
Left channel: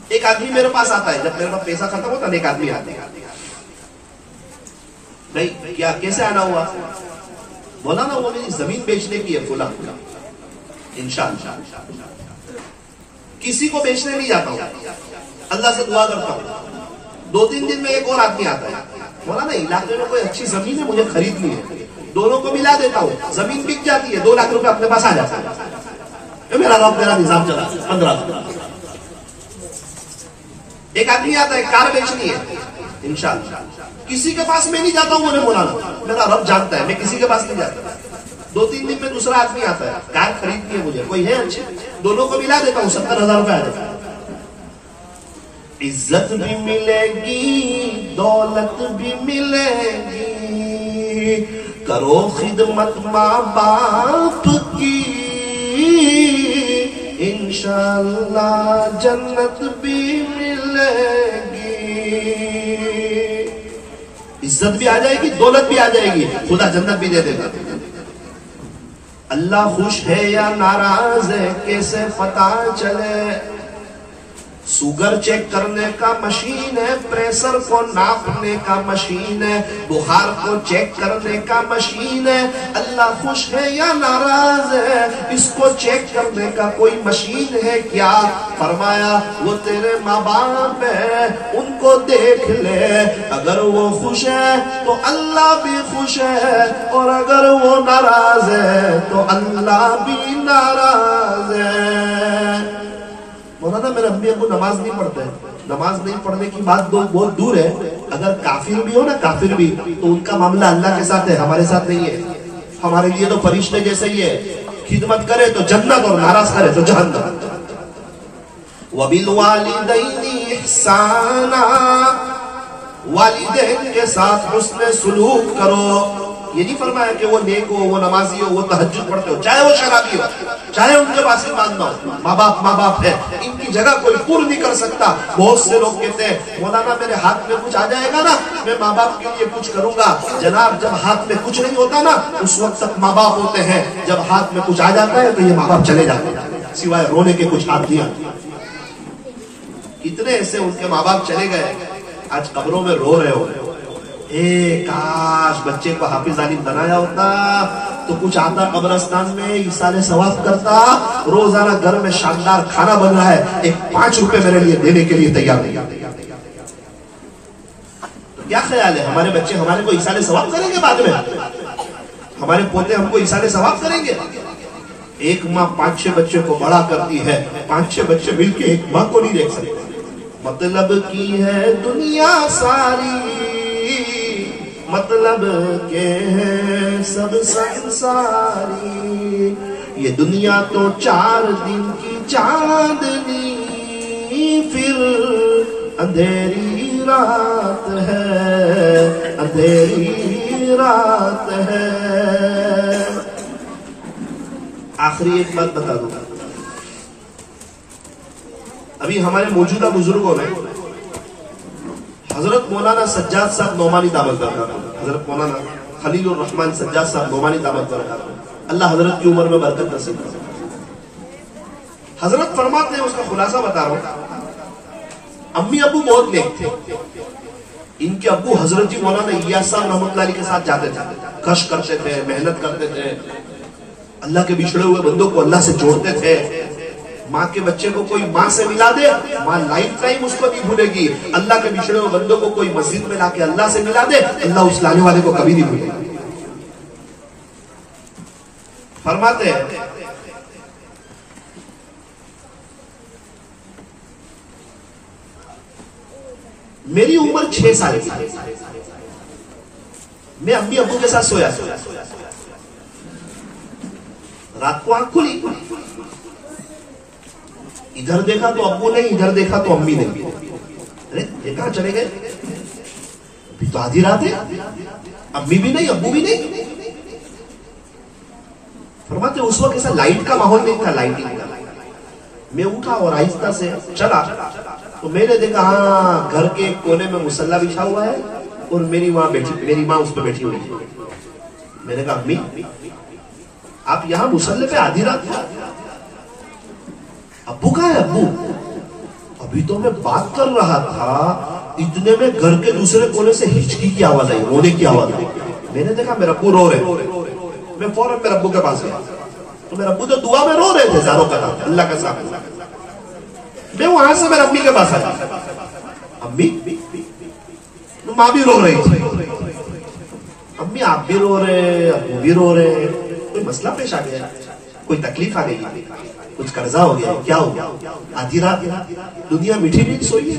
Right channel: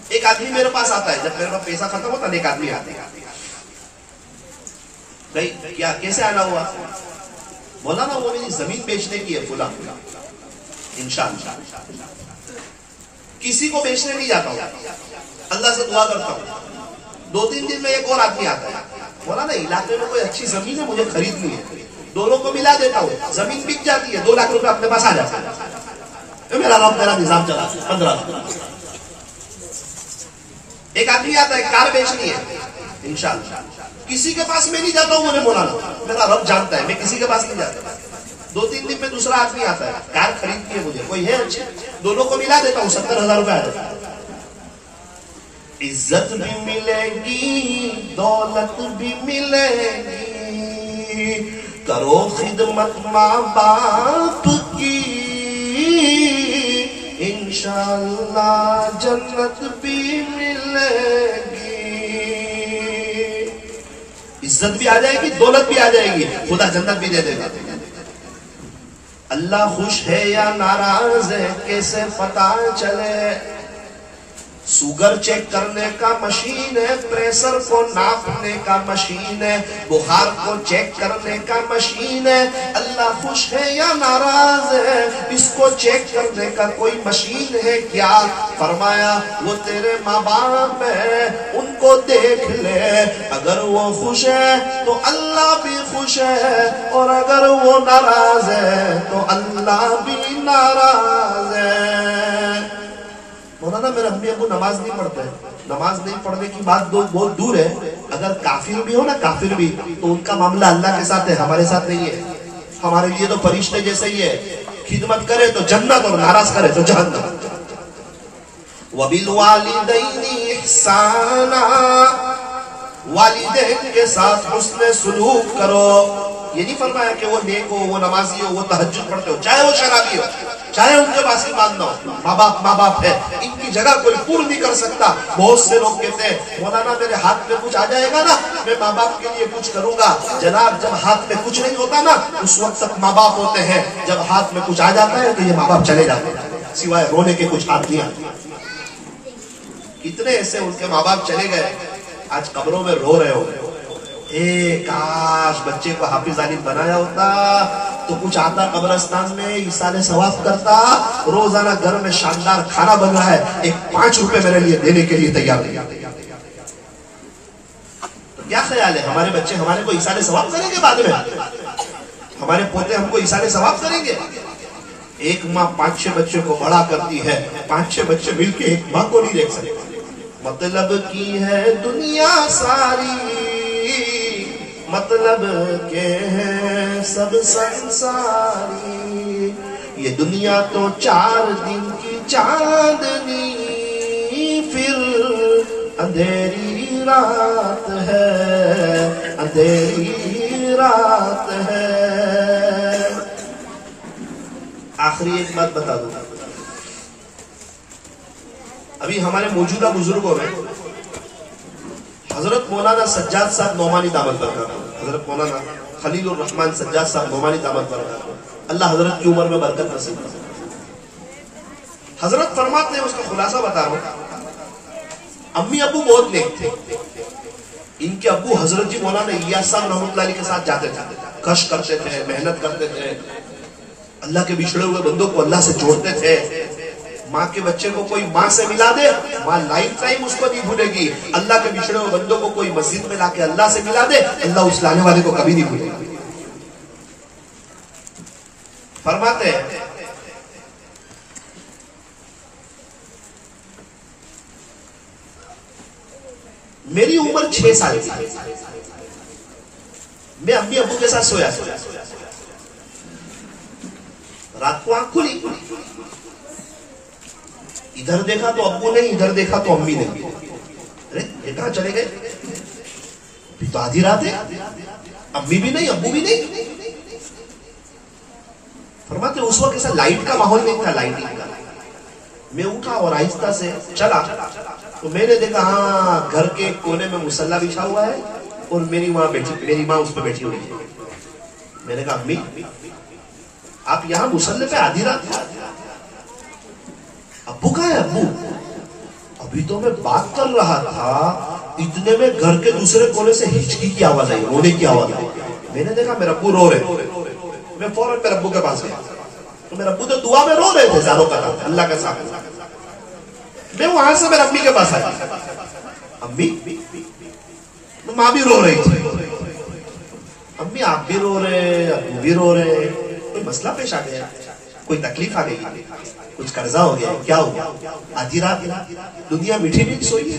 ایک آدمی میرے پاس آتا ہے, جب میرے پاس پیسہ ختم ہوتا ہے ایک آدمی آتا ہے. نہیں کیا کیسے آنا ہوا؟ بولا نا وہ میری زمین بیچنے کی ہے فلاں, انشاءاللہ. کسی کو بیچنے نہیں جاتا ہوں, اللہ سے دعا کرتا ہوں. 2-3 دن میں ایک اور آدمی آتا ہے, بولا نا علاقے میں کوئی اچھی زمین ہے مجھے خریدنی ہے. دونوں کو ملا دیتا ہوں, زمین بک جاتی ہے, 2 لاکھ روپے اپنے پاس آ جاتا ہے. میرا نظام چلا 15. ایک آدمی آتا ہے کار بیچنی ہے انشاءاللہ، کسی کے پاس میں نہیں جاتا ہوں، انہیں مولانا میرا رب جانتا ہے میں کسی کے پاس نہیں جاتا، 2-3 دن میں دوسرا آدمی آتا ہے کار خریدنی ہے مجھے، کوئی ہے اچھی، دونوں کو ملا دیتا ہوں 70,000 روپے آ جاتا ہے۔ عزت بھی ملے گی دولت بھی ملے گی، کرو خدمت ماں باپ کی، انشاءاللہ جنت بھی ملے گی۔ عزت بھی آ جائے گی دولت بھی آ جائے گی، خدا جنت بھی دے دے گا۔ اللہ خوش ہے یا ناراض ہے کیسے پتہ چلے؟ سوگر چیک کرنے کا مشین ہے، پریشر کو ناپنے کا مشین ہے، بخار کو چیک کرنے کا مشین ہے۔ اللہ خوش ہے یا ناراض ہے اس کو چیک کرنے کا کوئی مشین ہے کیا؟ فرمایا وہ تیرے ماں باپ ہے، ان کو دیکھ لے، اگر وہ خوش ہے تو اللہ بھی خوش ہے، اور اگر وہ ناراض ہے تو اللہ بھی ناراض ہے۔ مولانا میرے امی ابو نماز نہیں پڑھتے، نماز نہیں پڑھنے کی بات بہت دور ہے، اگر کافر بھی ہو نا، کافر بھی، تو ان کا معاملہ اللہ کے ساتھ ہے، ہمارے ساتھ نہیں ہے۔ ہمارے لیے تو فرشتے جیسے ہی ہے، خدمت کرے تو جنت اور ناراض کرے تو جہنم۔ وَبِالْوَالِدَيْنِ إِحْسَانًا، والدین کے ساتھ حسن سلوک کرو۔ یہ نہیں فرمایا کہ وہ نیک ہو، وہ نمازی ہو، وہ تہجد پڑھتے ہو، چاہے وہ شرابی ہو، چاہے ان کے پاس ایمان نہ ہو، ماں باپ ہے، ان کی جگہ کوئی پور نہیں کر سکتا۔ بہت سے لوگ کہتے ہیں مولانا میرے ہاتھ میں کچھ آ جائے گا نا میں ماں باپ کے لیے کچھ کروں گا۔ جناب جب ہاتھ میں کچھ نہیں ہوتا نا اس وقت تک ماں باپ ہوتے ہیں، جب ہاتھ میں کچھ آ جاتا ہے تو یہ ماں باپ چلے جاتے ہیں، سوائے رونے کے کچھ ہاتھ دیا۔ اتنے ایسے ان کے ماں باپ چلے گئے آج قبروں میں رو رہے ہو، اے کاش بچے کو حافظ عالم بنایا ہوتا تو کچھ آتا قبرستان میں ایصال ثواب کرتا، روزانہ گھر میں شاندار کھانا بن رہا ہے، ایک 5 روپے میرے لیے دینے کے لیے تیار نہیں۔ تو کیا خیال ہے ہمارے بچے ہمارے کو ایصال ثواب کریں گے؟ بعد میں ہمارے پوتے ہم کو ایصال ثواب کریں گے؟ ایک ماں 5-6 بچے کو بڑا کرتی ہے، 5-6 بچے مل کے ایک ماں کو نہیں دیکھ سکتے۔ مطلب کی ہے دنیا ساری، مطلب کے ہے سب سنساری، یہ دنیا تو 4 دن کی چاندنی، پھر اندھیری رات ہے، اندھیری رات ہے۔ آخری ایک بات بتا دوں، ابھی ہمارے موجودہ بزرگوں میں حضرت مولانا سجاد صاحب نعمانی دامت برکاتہ، حضرت مولانا خلیل الرحمن سجاد صاحب نعمانی دامت برکاتہ، اللہ حضرت کی عمر میں برکت نصیب کرے۔ حضرت فرماتے ہیں، اس کا خلاصہ بتا رہا ہوں، امی ابو بہت نیک تھے، ان کے ابو حضرت جی مولانا الیاس صاحب رحمۃ اللہ علیہ کے ساتھ جاتے تھے، کش کرتے تھے، محنت کرتے تھے، اللہ کے بچھڑے ہوئے بندوں کو اللہ سے جوڑتے تھے۔ ماں کے بچے کو کوئی ماں سے ملا دے، ماں لائف ٹائم اس کو نہیں بھولے گی۔ اللہ کے بچھڑے ہوئے بندوں کو کوئی مسجد میں لا کے اللہ سے ملا دے، اللہ اس لانے والے کو کبھی نہیں بھولے گی۔ فرماتے ہیں میری عمر 6 سال کی، میں امی ابو کے ساتھ سویا، رات کو آنکھ کھلی، ادھر دیکھا تو ابو نہیں، ادھر دیکھا تو امی نہیں۔ ارے یہ کہاں چلے گئے؟ ابھی تو آدھی رات ہے، امی بھی نہیں ابو بھی نہیں۔ فرماتے اس وقت ایسا لائٹ کا ماحول نہیں تھا، لائٹنگ کا۔ میں اٹھا اور آہستہ سے چلا تو میں نے دیکھا ہاں گھر کے ایک کونے میں مصلی بچھا ہوا ہے اور میری ماں اس پہ بیٹھی ہوئی ہے۔ میں نے کہا امی آپ یہاں مصلی پہ آدھی رات تھا؟ ابو کہاں ہے؟ ابو ابھی تو میں بات کر رہا تھا، اتنے میں گھر کے دوسرے کونے سے ہچکی کی آواز آئی، رونے کی آواز آئی۔ میں نے دیکھا میرا ابو رو رہے، میں فوراً میرے ابو کے پاس گیا تو میرے ابو تو دعا میں رو رہے تھے، زاروں کا نام اللہ کا ساتھ۔ میں وہاں سے میرے امی کے پاس آیا، امی ماں بھی رو رہی تھی، امی آپ بھی رو رہے، ابو بھی رو رہے، کوئی مسئلہ پیش آ گیا، کوئی تکلیف آ گئی، کچھ قرضہ ہو گیا، کیا ہو گیا؟ آدھی رات دنیا میٹھی میٹھی سوئی ہے۔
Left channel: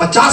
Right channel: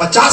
50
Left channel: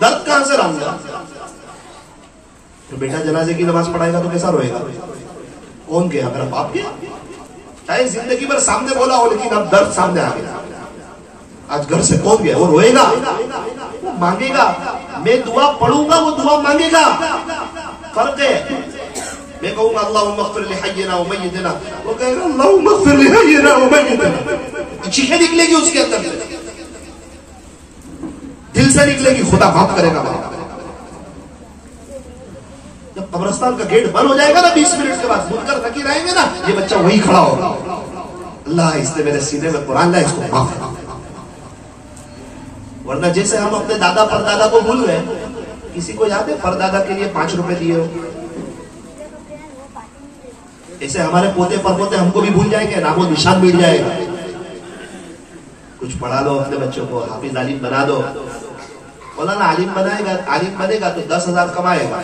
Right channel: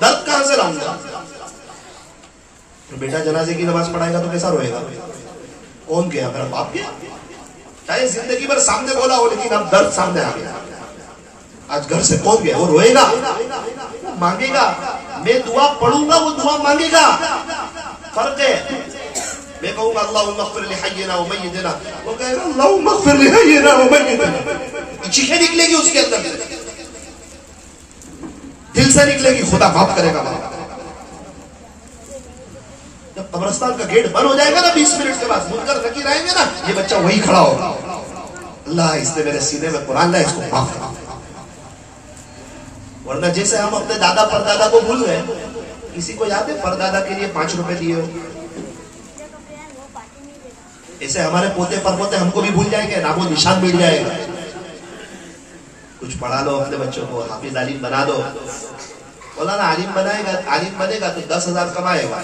درد کہاں سے لاؤں گا؟ تو بیٹا جنازے کی نماز پڑھائے گا تو کیسا روئے گا؟ کون گیا؟ میرا باپ گیا. چاہے زندگی بھر سامنے بولا ہو لیکن اب درد سامنے آ گیا. آج گھر سے کون گیا؟ وہ روئے گا، وہ مانگے گا. میں دعا پڑھوں گا، وہ دعا مانگے گا. فرق ہے. میں کہوں گا اللہم اغفر لحینا و میتنا، وہ کہے گا اللہم اغفر لحینا و میتنا. چیخیں نکلے گی اس کے اندر، دل سے نکلے گی، خدا معاف کرے گا. جب قبرستان کا گیٹ بند ہو جائے گا نا 20 منٹ کے بعد، منکر نکیر آئیں گے نا، یہ بچہ وہی کھڑا ہوگا. اللہ اس نے میرے سینے میں قرآن لایا، اس کو معاف کرا. ورنہ جیسے ہم اپنے دادا پردادا کو بھول گئے. کسی کو یاد ہے پردادا کے لیے 5 روپے دیے ہو؟ ایسے ہمارے پوتے پرپوتے ہم کو بھی بھول جائیں گے، نام و نشان مل جائے گا. کچھ پڑھا لو اپنے بچوں کو، حافظ عالم بنا دو. مولانا عالم بنائے گا، عالم بنے گا تو 10,000 کمائے گا.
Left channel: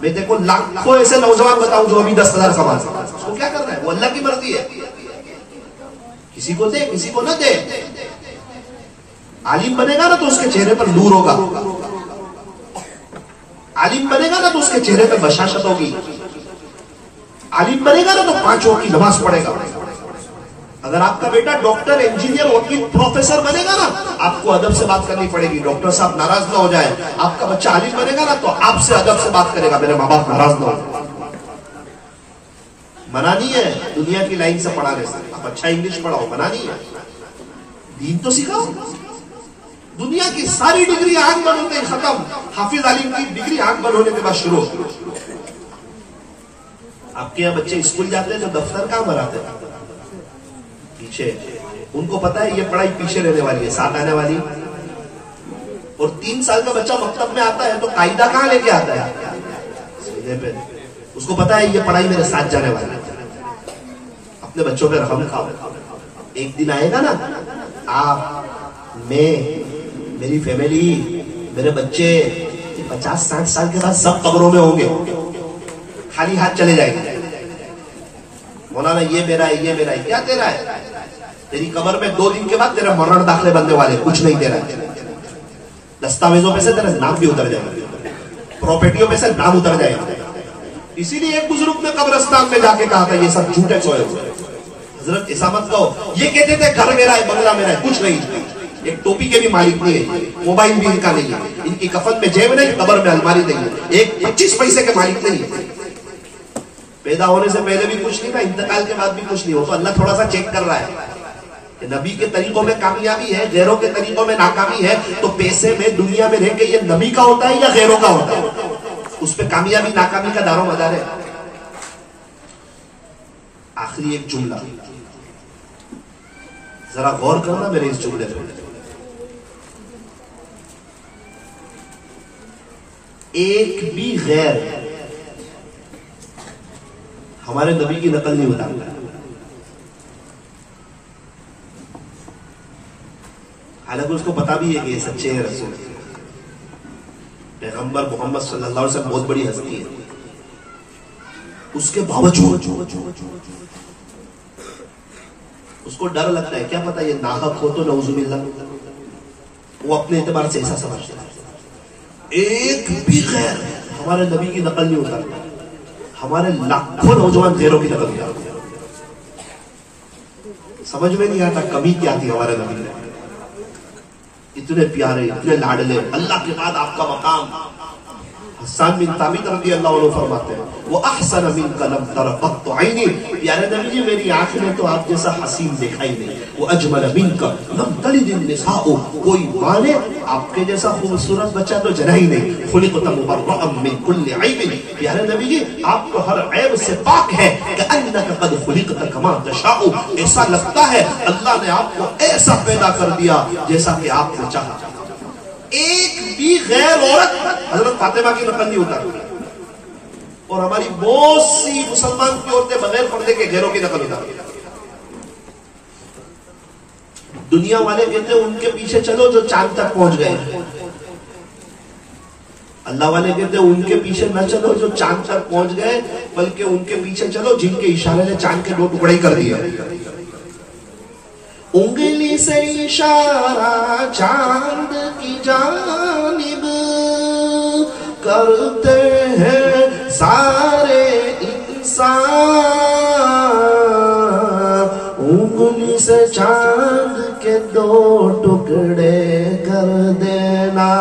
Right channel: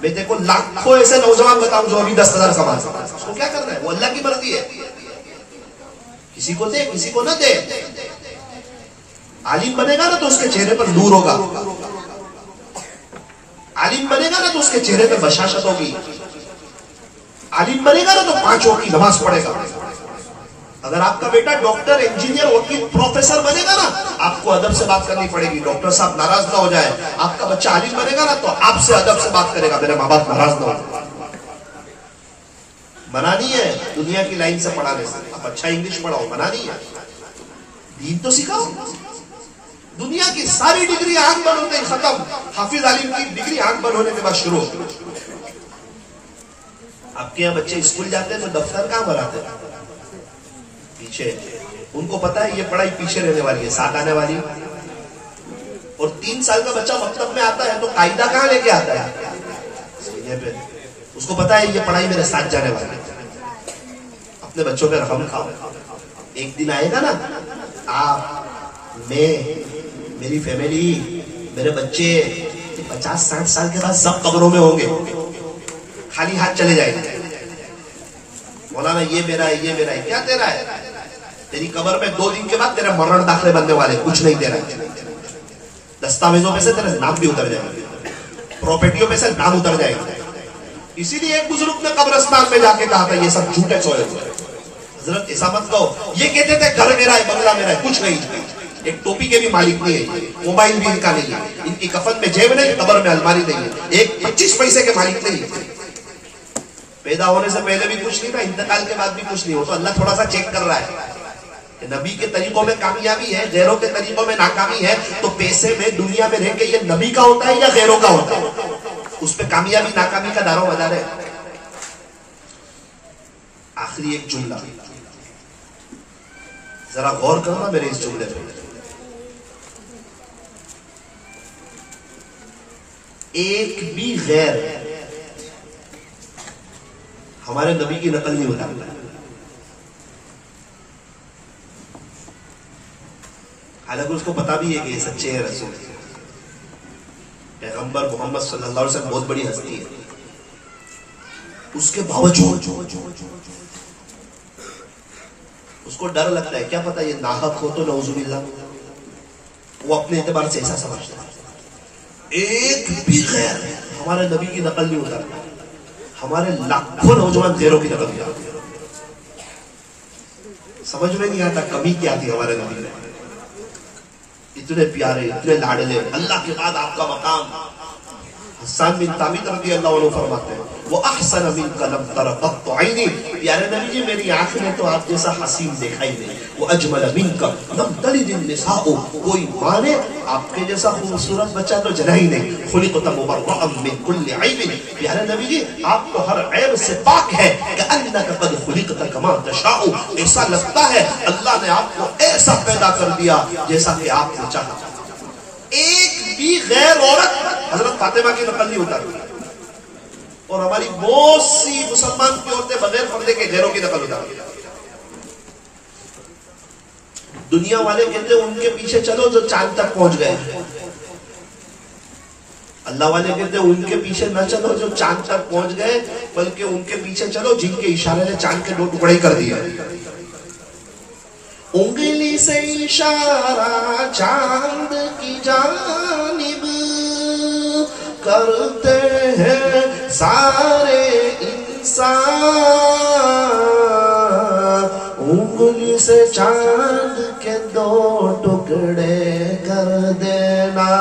میں دیکھو لاکھوں ایسے نوجوان بتاؤں جو ابھی 10,000 کما سکتا. اس کو کیا کرنا ہے؟ وہ اللہ کی مرضی ہے. کسی کو دے، کسی کو نہ دے. عالم بنے گا نا تو اس کے چہرے پر نور ہوگا. عالم بنے گا نا تو اس کے چہرے پر بشاشت ہوگی. عالم بنے گا نا تو 5 وقت کی نماز پڑھے گا. اگر آپ کا بیٹا ڈاکٹر، انجینئر، وکیل، پروفیسر بنے گا نا، آپ کو ادب سے بات کرنی پڑے گی. ڈاکٹر صاحب ناراض نہ ہو جائے. آپ کا بچہ عالم بنے گا نا تو آپ سے ادب سے بات کرے گا، میرے ماں باپ ناراض نہ ہو. منع نہیں ہے دنیا کی لائن سے پڑھانے سے. آپ اچھا انگلش پڑھاؤ، منع نہیں ہے. دین تو سکھاؤ. دنیا کی ساری ڈگری آنکھ بند ہوتے ہی ختم. حافظ عالم کی ڈگری آنکھ بند ہونے کے بعد شروع. آپ کے یہاں بچے اسکول جاتے ہیں تو دفتر کہاں بناتے ہیں؟ پیچھے. ان کو پتا ہے یہ پڑھائی پیچھے رہنے والی ہے، ساتھ آنے والی. اور 3 سال کا بچہ مکتب میں آتا ہے تو قاعدہ کہاں لے کے آتا ہے؟ سینے پہ. اس کو پتا ہے یہ پڑھائی میرے ساتھ جانے والی ہے. اپنے بچوں پہ رحم کھاؤ. ایک دن آئے گا نا، آپ، میں، میری فیملی، میرے بچے 50-60 سال کے بعد سب قبروں میں ہوں گے. خالی ہاتھ چلے جائیں گے. مولانا یہ میرا ہے، یہ میرا ہے. کیا تیرا ہے؟ تیری قبر میں 2 دن کے بعد تیرے مرن داخلے بننے والے، کچھ نہیں تیرا. دستاویزوں پہ سے تیرے نام بھی اتر جائے گا، پراپرٹیوں پہ سے نام اتر جائے گا. اسی لیے ایک بزرگ نے قبرستان میں جا کے کہا تھا یہ سب جھوٹے سوئے ہوئے. حضرت ایسا مت کہو. یہ کہتے تھے گھر میرا ہے، بنگلہ میرا ہے، کچھ نہیں. ایک ٹوپی کے بھی مالک نہیں ہے، موبائل بھی ان کا نہیں ہے، ان کی کفن میں جیب نہیں، قبر میں الماری نہیں ہے، ایک 25 پیسے کے مالک نہیں ہے. پیدا ہونے سے پہلے بھی کچھ نہیں تھا، انتقال کے بعد بھی کچھ نہیں ہو. تو اللہ تھوڑا سا چیک کر رہا ہے کہ نبی کے طریقوں میں کامیابی ہے، غیروں کے طریقوں میں ناکامی ہے. تو پیسے میں دنیا میں رہ کے یہ نبی کا ہوتا ہے یا غیروں کا ہوتا ہے؟ اس پہ کامیابی ناکامی کا دار و مدار ہے. آخری ایک جملہ ذرا غور کرنا میرے اس جملے پہ. ایک بھی غیر ہمارے نبی کی نقل نہیں ہوتا. حالانکہ اس کو پتا بھی ہے کہ یہ سچے ہیں رسول. پیغمبر محمد صلی اللہ علیہ وسلم بہت بڑی ہستی ہے. اس کے باوجود اس کو ڈر لگتا ہے. کیا پتا یہ ناحق ہو تو نعوذ باللہ. وہ اپنے اعتبار سے ایسا سمجھتا ہے. ایک بھی غیر ہمارے نبی کی نقل نہیں ہوتا. ہمارے لاکھوں نوجوان غیروں کی نقل ہوتا. سمجھ میں نہیں آتا کمی کیا تھی ہمارے نبی میں. اتنے پیارے، اتنے لاڈلے. اللہ کے بعد آپ کا مقام. حسان بن ثابت رضی اللہ عنہ فرماتے ہیں وَأَحْسَنَ مِنْكَ لَمْ تَرَ قَطُّ عَيْنِي. پیارے نبی جی میری آنکھ نے تو آپ جیسا حسین دیکھا ہی نہیں. وَأَجْمَلَ مِنْكَ لَمْ تَلِدِ النِّسَاءُ. کوئی ماں نے آپ کے جیسا خوبصورت بچہ تو جنا ہی نہیں. خُلِقْتَ مُبَرَّأً مِنْ كُلِّ عَيْبٍ. پیارے نبی جی آپ کو ہر عیب سے پاک ہے. كَأَنَّكَ قَدْ خُلِقْتَ كَمَا تَشَاءُ. ایسا لگتا ہے اللہ نے آپ کو ایسا پیدا کر دیا جیسا کہ آپ نے چاہا. ایک بھی غیر عورت حضرت فاطمہ کی نقل نہیں ہوتا. اور ہماری بہت سی مسلمان کی عورتیں بغیر پردے کے غیروں کی نقل ہوتا. دنیا والے کہتے ہیں ان کے پیچھے چلو جو چاند تک پہنچ گئے. اللہ والے کہتے ہیں ان کے پیچھے نہ چلو جو چاند تک پہنچ گئے، بلکہ ان کے پیچھے چلو جن کے اشارے نے چاند کے 2 ٹکڑے ہی کر دیے. انگلی سے اشارہ چاند کی جانب کرتے ہیں سارے انسان، انگلی سے چاند کے 2 ٹکڑے کر دینا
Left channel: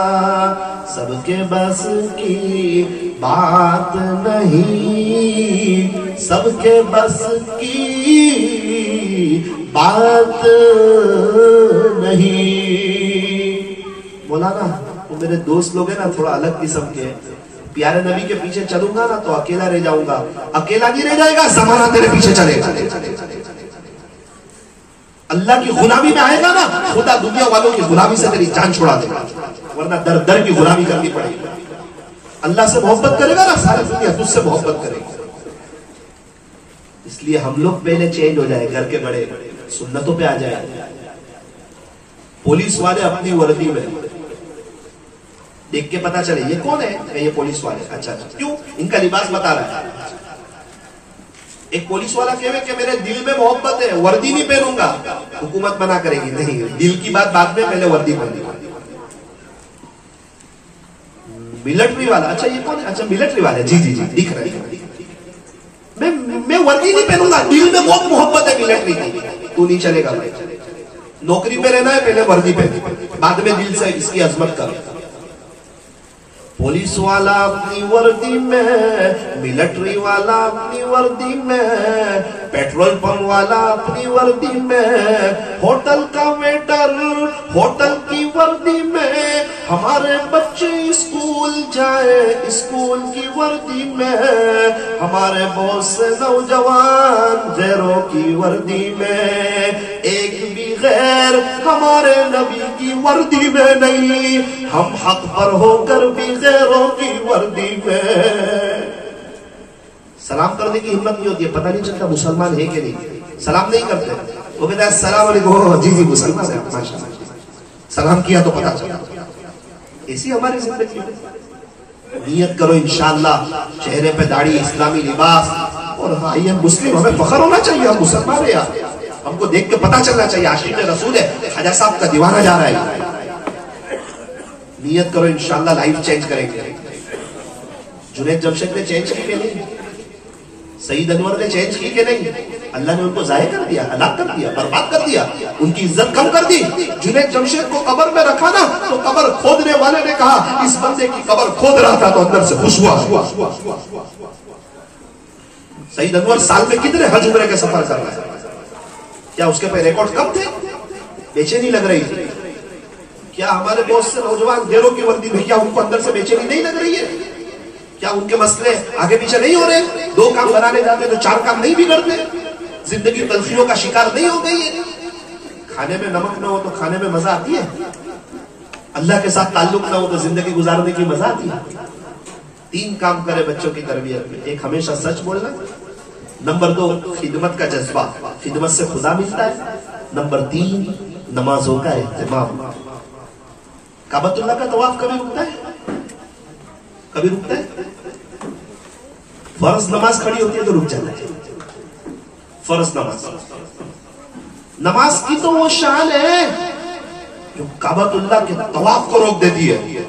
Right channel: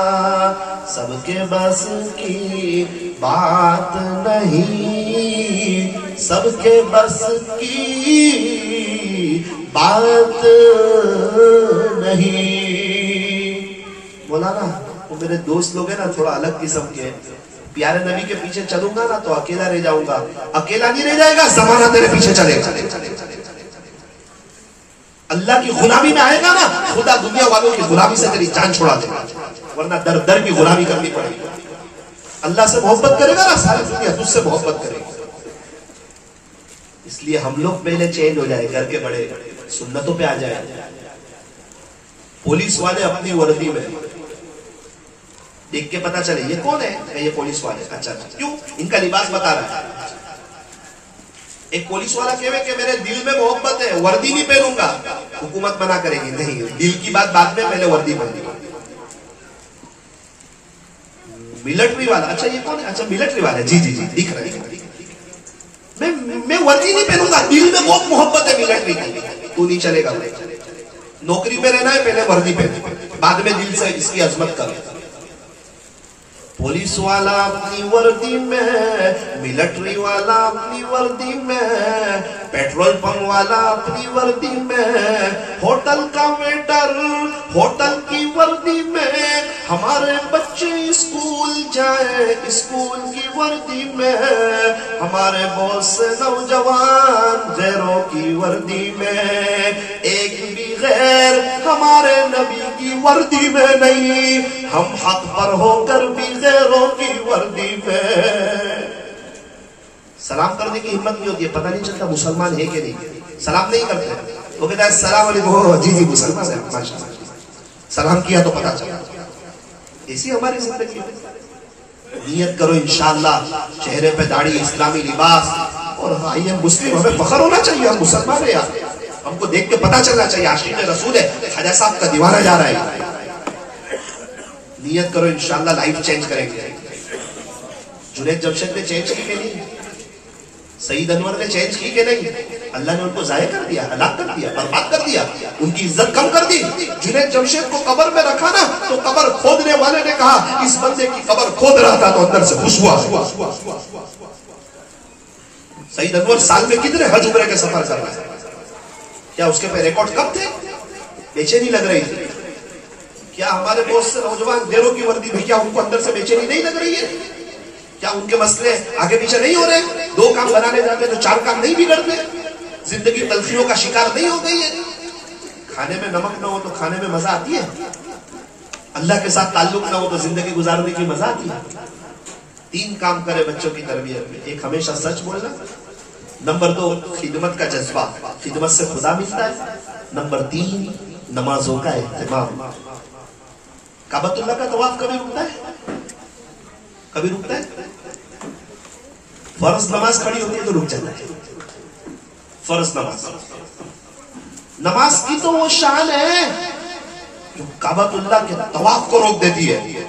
سب کے بس کی بات نہیں، سب کے بس کی بات نہیں۔ مولانا وہ میرے دوست لوگ ہیں نا تھوڑا الگ قسم کے، پیارے نبی کے پیچھے چلوں گا نا تو اکیلا رہ جاؤں گا، اکیلا نہیں رہ جائے گا، زمانہ تیرے پیچھے چلے گا۔ اللہ کی غلامی میں آئے گا نا، خدا دنیا والوں کی غلامی سے تیری جان چھڑا دے گا، ورنہ در در کی غلامی کرنی پڑے گی۔ اللہ سے محبت کرے گا نا، ساری دنیا تجھ سے محبت کرے گی۔ اس لیے ہم لوگ پہلے چینج ہو جائے، گھر کے بڑے سنتوں پہ آ جائے۔ پولیس والے اپنی وردی میں دیکھ کے پتا چلے یہ کون ہے، یہ پولیس والے، اچھا کیوں؟ ان کا لباس بتا رہا ہے۔ ایک پولیس والا کہے کہ میرے دل میں محبت ہے، وردی نہیں پہنوں گا، حکومت منع کرے گی، نہیں، دل کی بات بعد میں، پہلے وردی پہنیں گے۔ ملٹری والا، اچھا یہ کون ہے، اچھا ملٹری والے، جی جی جی دکھ رہے ہیں، میں وردی نہیں پہنوں گا، دل میں بہت محبت ہے ملٹری کی، تو نہیں چلے گا۔ نوکری پہ رہنا ہے، پہلے وردی پہن، بعد میں دل سے اس کی عظمت کر۔ پولیس والا اپنی وردی میں، ملٹری والا اپنی وردی میں، پیٹرول پمپ والا اپنی وردی میں، ہوٹل کا ویٹر ہوٹل کی وردی میں، ہمارے بچے اسکول جائیں اسکول کی وردی میں، ہمارے بہت سے نوجوان غیروں کی وردی میں، ایک بھی غیر ہمارے نبی کی وردی میں نہیں، ہم حق پر ہو کر بھی غیروں کی وردی میں۔ سلام کرنے کی ہمت نہیں ہوتی ہے، پتہ نہیں چلتا مسلمان ہے کہ نہیں، سلام نہیں کرتے، وہ کہتا ہے السلام علیکم، جی جی مسلمان ہے، ماشاء اللہ، سلام کیا تو پتہ چلا۔ اسی ہماری زندگی میں نیت کرو انشاءاللہ، چہرے پہ داڑھی، اسلامی لباس، اور ہاں یہ مسلم، ہمیں فخر ہونا چاہیے، ہم مسلمان ہیں یار، ہم کو دیکھ کے پتہ چلنا چاہیے عاشق رسول ہے، خواجہ صاحب کا دیوانہ جا رہا ہے۔ نیت کرو انشاءاللہ لائف چینج کریں گے۔ جنید جمشید نے چینج کی کہ نہیں؟ سعید انور نے چینج کی کہ نہیں؟ اللہ نے ان کو ضائع کر دیا، ہلاک کر دیا، برباد کر دیا، ان کی عزت کم کر دی۔ جنید جمشید کو قبر میں رکھا نا تو قبر کھودنے والے نے کہا اس بندے کی قبر کھود رہا تھا تو اندر سے خوش ہوا۔ سعید انور سال میں کتنے حج عمرے کے سفر کر رہا ہے؟ کیا اس کے پہ ریکارڈ کم تھے؟ بے چینی لگ رہی تھی؟ کیا ہمارے بہت سے نوجوان دیروں کی وردی میں، کیا ان کو اندر سے بے چینی نہیں لگ رہی ہے؟ کیا ان کے مسئلے آگے پیچھے نہیں ہو رہے؟ 2 کام بنانے جاتے تو 4 کام نہیں بگڑتے؟ زندگی تلخیوں کا شکار نہیں ہو گئی ہے؟ کھانے میں نمک نہ ہو تو کھانے میں مزہ آتی ہے؟ اللہ کے ساتھ تعلق نہ ہو تو زندگی گزارنے کی مزہ آتی ہے؟ 3 کام کرے بچوں کی تربیت میں، ایک ہمیشہ سچ بولنا، نمبر 2 خدمت کا جذبہ، خدمت سے خدا ملتا ہے، نمبر 3 نمازوں کا اہتمام۔ کعبۃ اللہ کا طواف کبھی رکتا ہے؟ کبھی رکتا ہے؟ فرض نماز کھڑی ہوتی ہے تو رک جاتا ہے، فرض نماز کی تو وہ شان ہے جو کعبۃ اللہ کے طواف کو روک دیتی ہے۔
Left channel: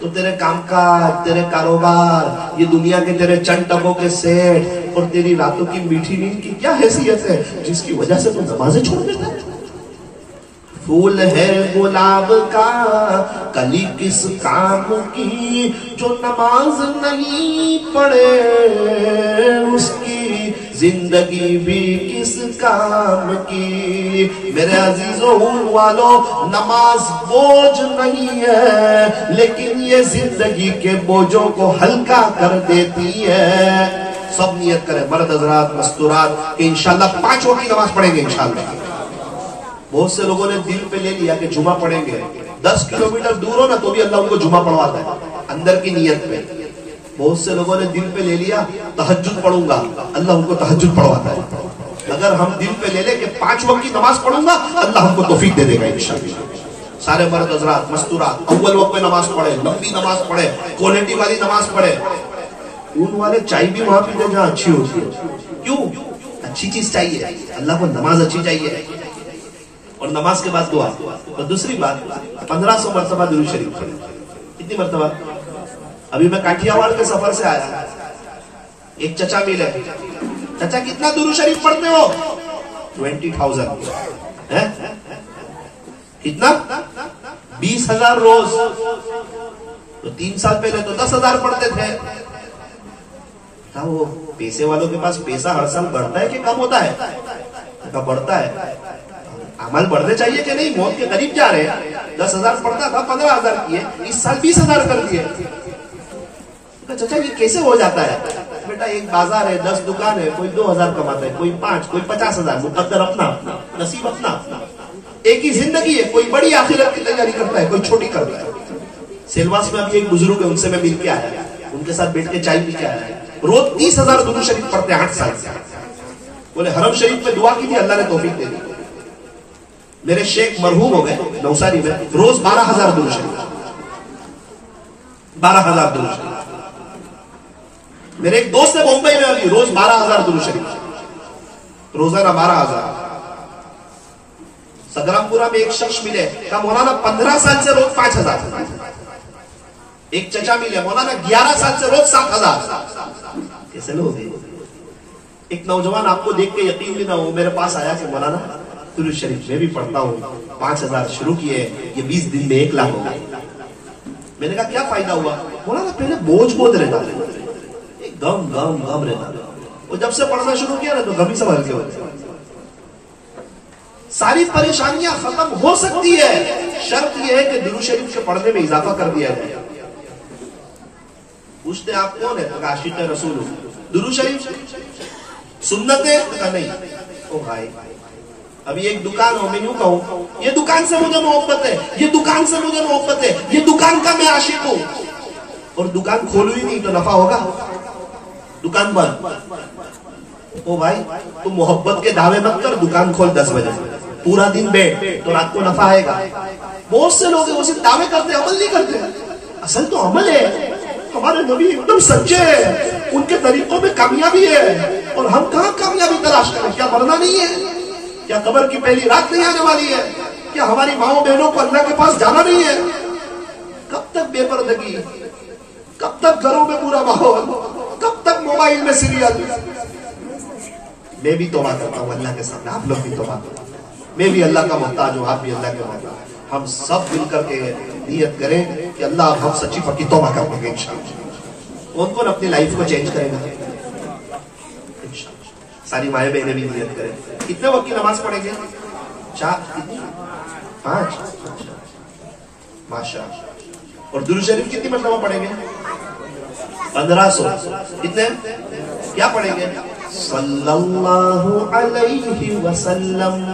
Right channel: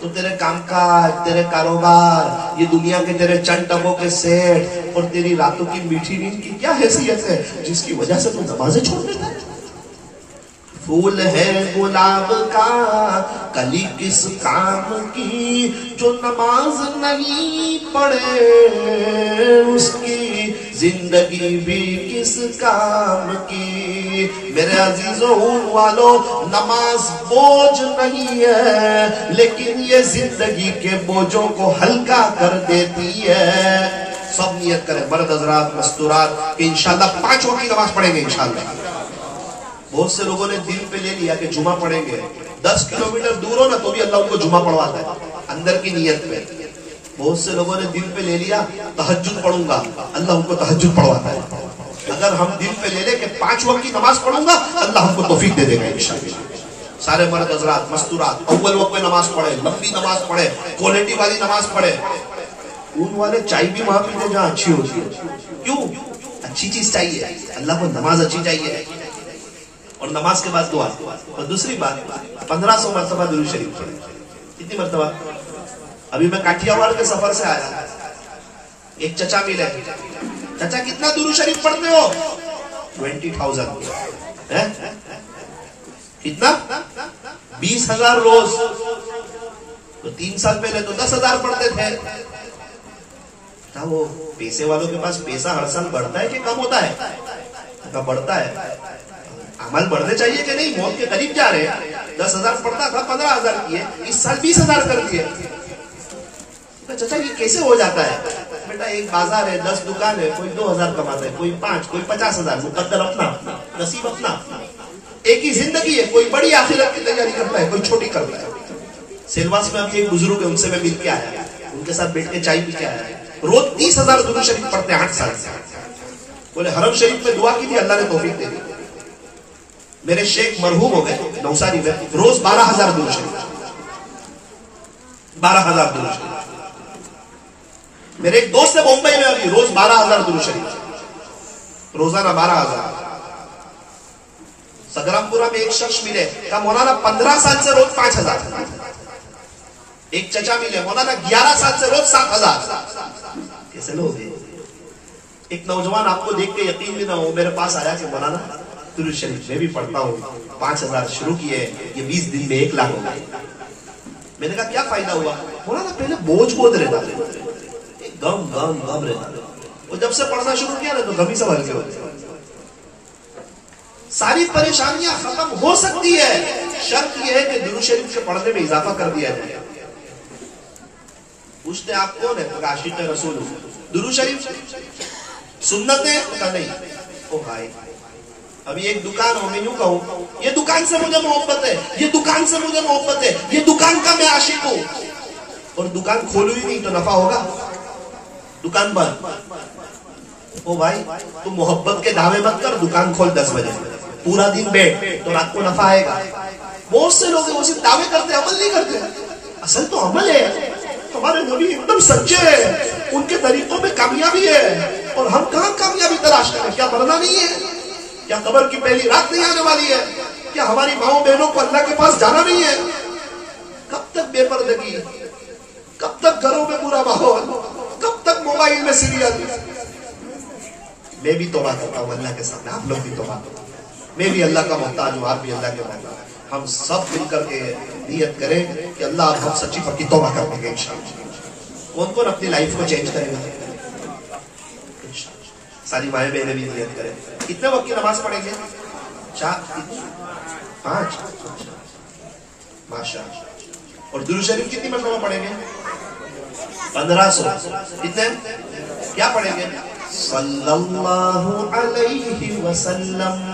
تو تیرے کام کاج، تیرے کاروبار، یہ دنیا کے تیرے چند ٹکوں کے سیٹ اور تیری راتوں کی میٹھی نیند کی کیا حیثیت ہے جس کی وجہ سے تو نمازیں چھوڑ دیتا ہے؟ پھول ہے گلاب کا کلی کس کام کی، جو نماز نہیں پڑھے اس کی زندگی بھی کس کام کی۔ میرے عزیزوں والوں، نماز بوجھ نہیں ہے لیکن یہ زندگی کے بوجھوں کو ہلکا کر دیتی ہے۔ سب نیت کریں، مرد حضرات، مستورات، کہ انشاءاللہ 5 وقت کی نماز پڑھیں گے انشاءاللہ۔ بہت سے لوگوں نے دل پہ لے لیا کہ جمعہ پڑھیں گے، 10 کلومیٹر دور ہو نا تو بھی اللہ ان کو جمعہ پڑھواتا ہے اندر کی نیت پہ۔ بہت سے لوگوں نے دل پہ لے لیا تہجد پڑھوں گا، اللہ ان کو تہجد پڑھواتا ہے۔ اگر ہم دل پہ لے لیں کہ 5 وقت کی نماز پڑھوں گا، اللہ ہم کو توفیق دے دے گا انشاءاللہ۔ سارے مرد حضرات، مستورات، اول وقت میں نماز پڑھے، لمبی نماز پڑھے، کوالٹی والی نماز پڑھے۔ اون والے چائے بھی وہاں پیتے جہاں اچھی ہوتی ہے، کیوں؟ اچھی چیز چاہیے، اللہ کو نماز اچھی چاہیے، اور نماز کے بعد دعا۔ اور دوسری بات، 1500 مرتبہ درود شریف پڑھیں۔ کتنی مرتبہ؟ ابھی میں کاٹھیاواڑ کے سفر سے آیا، ایک چچا ملے، چچا کتنا درود شریف پڑھتے ہو؟ 20,000. کتنا؟ 20,000 روز. تو 3 سال پہلے تو 10,000 پڑھتے تھے. وہ پیسے والوں کے پاس پیسہ ہر سال بڑھتا ہے کہ کم ہوتا ہے؟ بڑھتا ہے. عمل بڑھنے چاہیے کہ نہیں؟ موت کے قریب جا رہے ہیں. 10,000 پڑھتا تھا 15,000 کیے، اس سال 20,000 کر دیے. چچا یہ کیسے ہو جاتا ہے؟ بیٹا ایک بازار ہے، 10 دکان ہے، کوئی 2,000 کماتا ہے، کوئی 5، کوئی 50,000. مقدر اپنا، نصیب اپنا. ایک ہی زندگی ہے، کوئی بڑی آخرت کی تیاری کرتا ہے، کوئی چھوٹی کرتا ہے. سیلواس میں ابھی ایک بزرگ ہے، ان سے میں مل کے آیا، ان کے ساتھ بیٹھ کے چائے پی کے آیا. روز 30,000 درود شریف پڑھتے ہیں 8 سال سے. بولے حرم شریف میں دعا کی تھی، اللہ نے توفیق دے دی. میرے شیخ مرحوم ہو گئے نوساری میں، روز 12,000 درود شریف. 12,000 درود شریف. میرے ایک دوست ہے بمبئی میں، ابھی روز 12,000 درود شریف، روزانہ 12,000. سگرام پورا میں ایک شخص ملے، کہا مولانا 15 سال سے روز 5,000. ایک چچا ملے، مولانا 11 سال سے روز 7,000. کیسے لوگ ہیں؟ ایک نوجوان آپ کو دیکھ کے یقین بھی نہ ہو، میرے پاس آیا کہ مولانا درود شریف میں بھی پڑھتا ہوں، 5,000 شروع کیے، یہ 20 دن میں 1 لاکھ ہو گئے. میں نے کہا کیا فائدہ ہوا؟ مولانا پہلے بوجھ بہت رہتا، غم رہتا، وہ جب سے پڑھنا شروع کیا نا تو غم ہی سب ہلکے ہوتے. ساری پریشانیاں ختم ہو سکتی ہے، شرط یہ ہے کہ درود شریف کے پڑھنے میں اضافہ کر دیا جائے. پوچھتے آپ کون ہے؟ عاشق رسول. درود شریف سنت ہے؟ کہا نہیں. او بھائی ابھی ایک دکان ہو، میں یوں کہوں یہ دکان سے مجھے محبت ہے، یہ دکان سے مجھے محبت ہے، یہ دکان کا میں عاشق ہوں، اور دکان کھولو ہی نہیں تو نفع ہوگا؟ دکان بند. او بھائی تم محبت کے دعوے مت کر، دکان کھول 10 بجے، پورا دن بیٹھ تو رات کو نفع آئے گا. بہت سے لوگ وہ صرف دعوے کرتے، عمل نہیں کرتے. اصل تو عمل ہے. ہمارے نبی ایک دم سچے ہیں، ان کے طریقوں میں کامیابی ہے، اور ہم کہاں کامیابی تلاش کریں؟ کیا مرنا نہیں ہے؟ کیا قبر کی پہلی رات نہیں آنے والی ہے؟ کیا ہماری ماؤں بہنوں کو اللہ کے پاس جانا نہیں ہے؟ کب تک بے پردگی؟ کب تک گھروں میں برا ماحول؟ کب تک موبائل میں سیریل؟ میں بھی توبہ کرتا ہوں اللہ کے سامنے، آپ لوگ بھی توبہ کرو. میں بھی اللہ کا محتاج ہوں، آپ بھی اللہ کے محتاج. ہم سب مل کر کے نیت کریں کہ اللہ ہم سچی پکی توبہ کریں گے انشاءاللہ. کون کون اپنی لائف کو چینج کرے گا؟ ساری مائیں بہنیں بھی نیت کریں. کتنے وقت کی نماز پڑھیں گے؟ 4، 5. ماشاء. اور درود شریف کتنی مرتبہ پڑھیں گے؟ 1500. کتنے؟ کیا پڑھیں گے؟ صلی اللہ علیہ وسلم.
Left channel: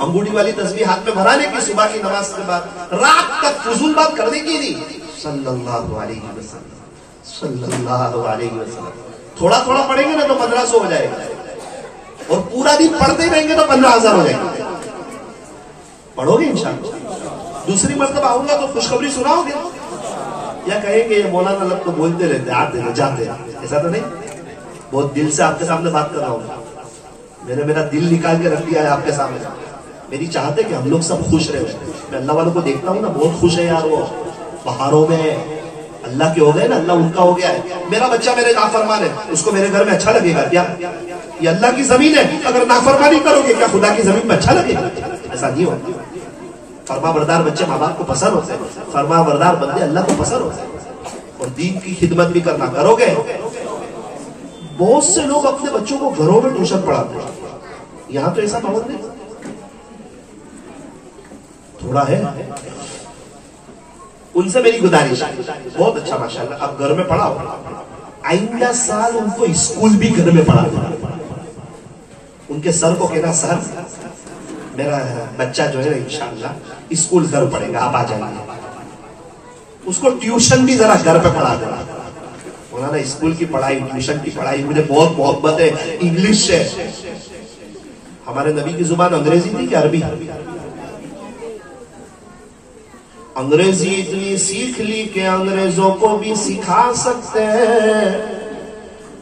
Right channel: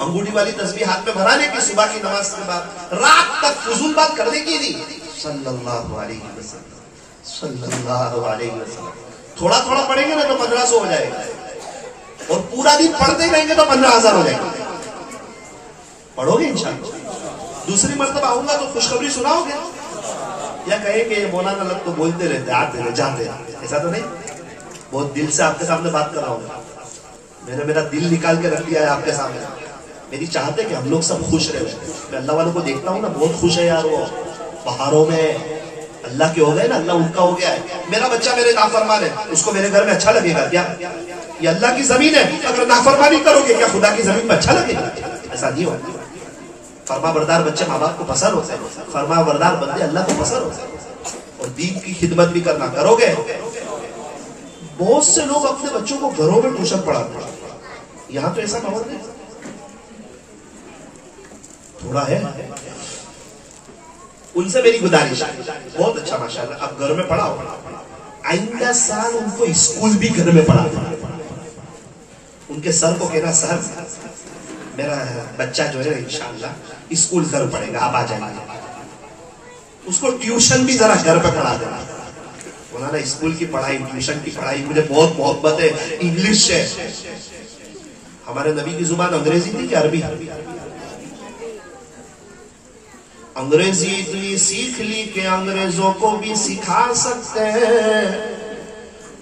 انگوٹھی والی تسبیح ہاتھ میں بھرانے کی، صبح کی نماز کے بعد رات تک فضول بات کرنے کی نہیں. صلی اللہ علیہ وسلم، صلی اللہ علیہ وسلم. تھوڑا تھوڑا پڑھیں گے نا تو 1500 ہو جائے گا، اور پورا دن پڑھتے رہیں گے تو 15,000 ہو جائے گا. پڑھو گے انشاءاللہ. دوسری مرتبہ آؤں گا تو خوشخبری سناؤ گے یا کہیں گے مولانا لوگ تو بولتے رہتے آتے رہے جاتے؟ ایسا تو نہیں. بہت دل سے آپ کے سامنے بات کر رہا ہوں. میں نے میرا دل نکال کے رکھ دیا ہے آپ کے سامنے. میری چاہت ہے کہ ہم لوگ سب خوش رہے. میں اللہ والوں کو دیکھتا ہوں نا، بہت خوش ہے یار. وہ پہاڑوں میں اللہ کے ہو گئے نا، اللہ ان کا ہو گیا ہے. میرا بچہ میرے نافرمان ہے، اس کو میرے گھر میں اچھا لگے گا کیا؟ یہ اللہ کی زمین ہے، اگر نافرمانی کرو گے کیا خدا کی زمین میں اچھا لگے گا؟ ایسا نہیں ہوتا. فرما بردار بچے ماں باپ کو پسند ہوتے ہیں، فرما بردار بندے اللہ کو پسند ہوتے ہیں. اور دین کی خدمت بھی کرنا کرو گے. بہت سے لوگ اپنے بچوں کو گھروں میں ٹیوشن پڑھاتے ہیں، یہاں تو ایسا ماحول نہیں. تھوڑا ہے. ان سے میری گزارش، بہت اچھا ماشاءاللہ اب گھر میں پڑھاؤ. آئندہ سال ان کو اسکول بھی گھر میں پڑھا دینا. ان کے سر کو کہنا سر میرا بچہ جو ہے انشاءاللہ اسکول گھر پڑھے گا، آپ آ جائیں گے. اس کو ٹیوشن بھی ذرا گھر پہ پڑھا دینا. مولانا اسکول کی پڑھائی، ٹیوشن کی پڑھائی مجھے بہت محبت ہے. انگلش سے ہمارے نبی کی زبان انگریزی تھی کہ عربی؟ انگریزی اتنی سیکھ لی کہ انگریزوں کو بھی سکھا سکتے ہیں،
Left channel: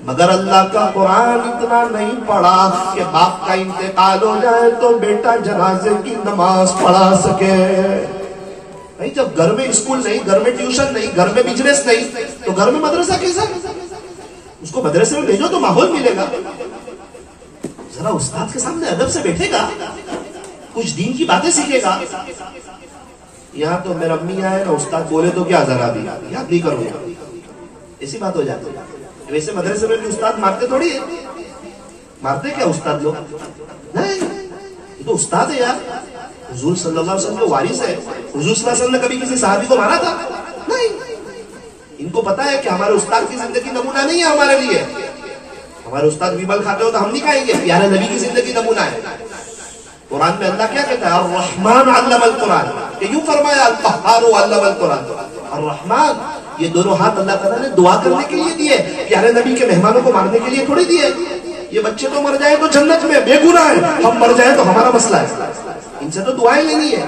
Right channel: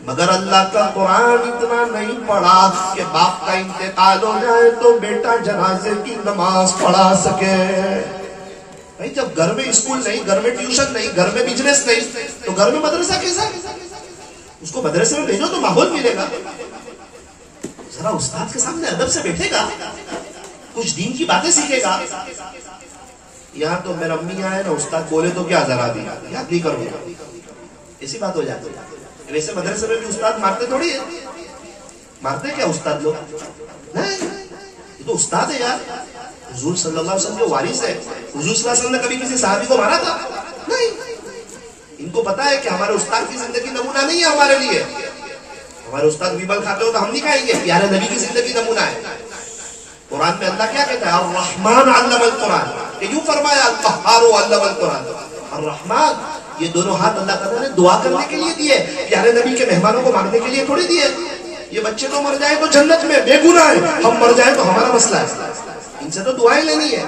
مگر اللہ کا قرآن اتنا نہیں پڑھا کہ باپ کا انتقال ہو جائے تو بیٹا جنازے کی نماز پڑھا سکے. بھائی جب گھر میں اسکول نہیں، گھر میں ٹیوشن نہیں، گھر میں بزنس نہیں، تو گھر میں مدرسہ کیسا؟ اس کو مدرسے میں بھیجو تو ماحول ملے گا، ذرا استاد کے سامنے ادب سے بیٹھے گا، کچھ دین کی باتیں سیکھے گا. یہاں تو میرا امی آئے نا، استاد بولے تو کیا ذرا بھی یاد نہیں کروں گا، ایسی بات ہو جاتی ہے. ویسے مدرسے میں بھی استاد مارتے تھوڑی ہے، مارتے کیا استاد لوگ؟ نہیں، یہ تو استاد ہے یار، حضور صلی اللہ علیہ وسلم کے وارث ہے. حضور صلی اللہ علیہ وسلم نے کبھی کسی صحابی کو مارا تھا؟ نہیں. ان کو پتا ہے کہ ہمارے استاد کی زندگی نمونہ نہیں ہے ہمارے لیے. ہمارے استاد ویبل کھاتے ہو تو ہم نہیں کھائیں گے، پیارے نبی کی زندگی نمونہ ہے. قرآن میں اللہ کیا کہتا ہے؟ الرحمن علم القرآن. یہ کیوں فرمایا القہار علم القرآن؟ الرحمن، یہ دونوں ہاتھ اللہ تعالیٰ نے دعا کرنے کے لیے دیے، پیارے نبی کے مہمانوں کو مارنے کے لیے تھوڑی دیے. یہ بچے تو مر جائے تو جنت میں بے گناہ ہے، ہم مر جائے تو ہمارا مسئلہ ہے. ان سے تو دعائیں لینی ہے.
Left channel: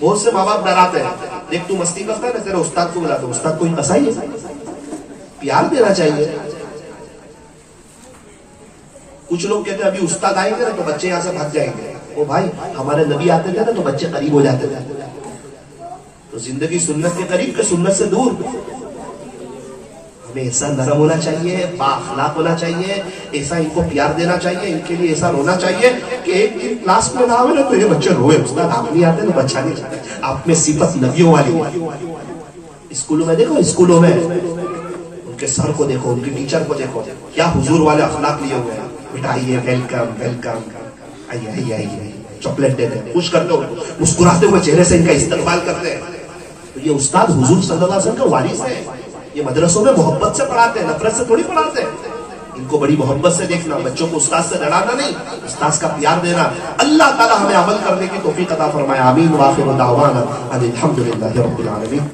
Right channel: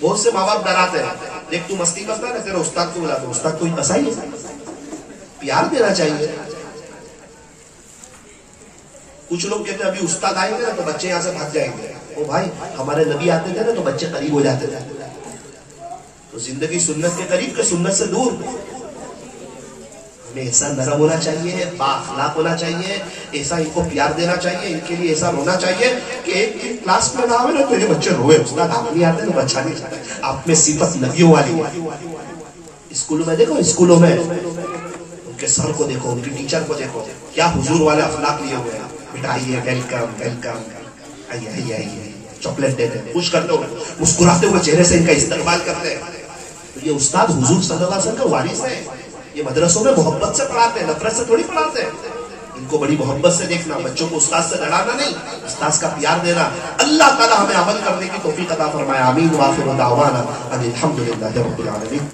بہت سے ماں باپ ڈراتے ہیں، دیکھ تو مستی کرتا ہے، تیرے استاد کو بلا. تو استاد کو پسائی ہے، پیار دینا چاہیے. کچھ لوگ کہتے ہیں ابھی استاد آئیں گے نا تو بچے یہاں سے بھاگ جائیں گے. او بھائی، ہمارے نبی آتے تھے نا تو بچے قریب ہو جاتے تھے. تو زندگی سنت کے قریب کہ سنت سے دور. ہمیں ایسا نرم ہونا چاہیے، با اخلاق ہونا چاہیے، ایسا ان کو پیار دینا چاہیے، ان کے لیے ایسا رونا چاہیے کہ ایک دن کلاس میں نہ آئے نا تو یہ بچے روئے. استاد آپ نہیں آتے نا بچہ نہیں چاہتے. آپ میں صفت نبیوں والی. اسکولوں میں دیکھو، اسکولوں میں ان کے سر کو دیکھو، ان کی ٹیچر کو دیکھو، کیا حضور والے اخلاق لیے ہوئے ہیں. بیٹا آئیے، ویلکم ویلکم، آئیے آئیے آئیے، چاکلیٹ دیتے ہیں، خوش کرتے ہو، مسکراتے ہوئے چہرے سے ان کا استقبال کرتے ہیں. تو یہ استاد حضور صلی اللہ علیہ وسلم کا وارث ہے. یہ مدرسوں میں محبت سے پڑھاتے ہیں، نفرت سے تھوڑی پڑھاتے ہیں. ان کو بڑی محبت سے دیکھنا، بچوں کو استاد سے لڑانا نہیں، استاد کا پیار دینا. اللہ تعالی ہمیں عمل کرنے کی توفیق عطا فرمائے. آمین. وآخر دعوانا ان الحمد للہ رب العالمین.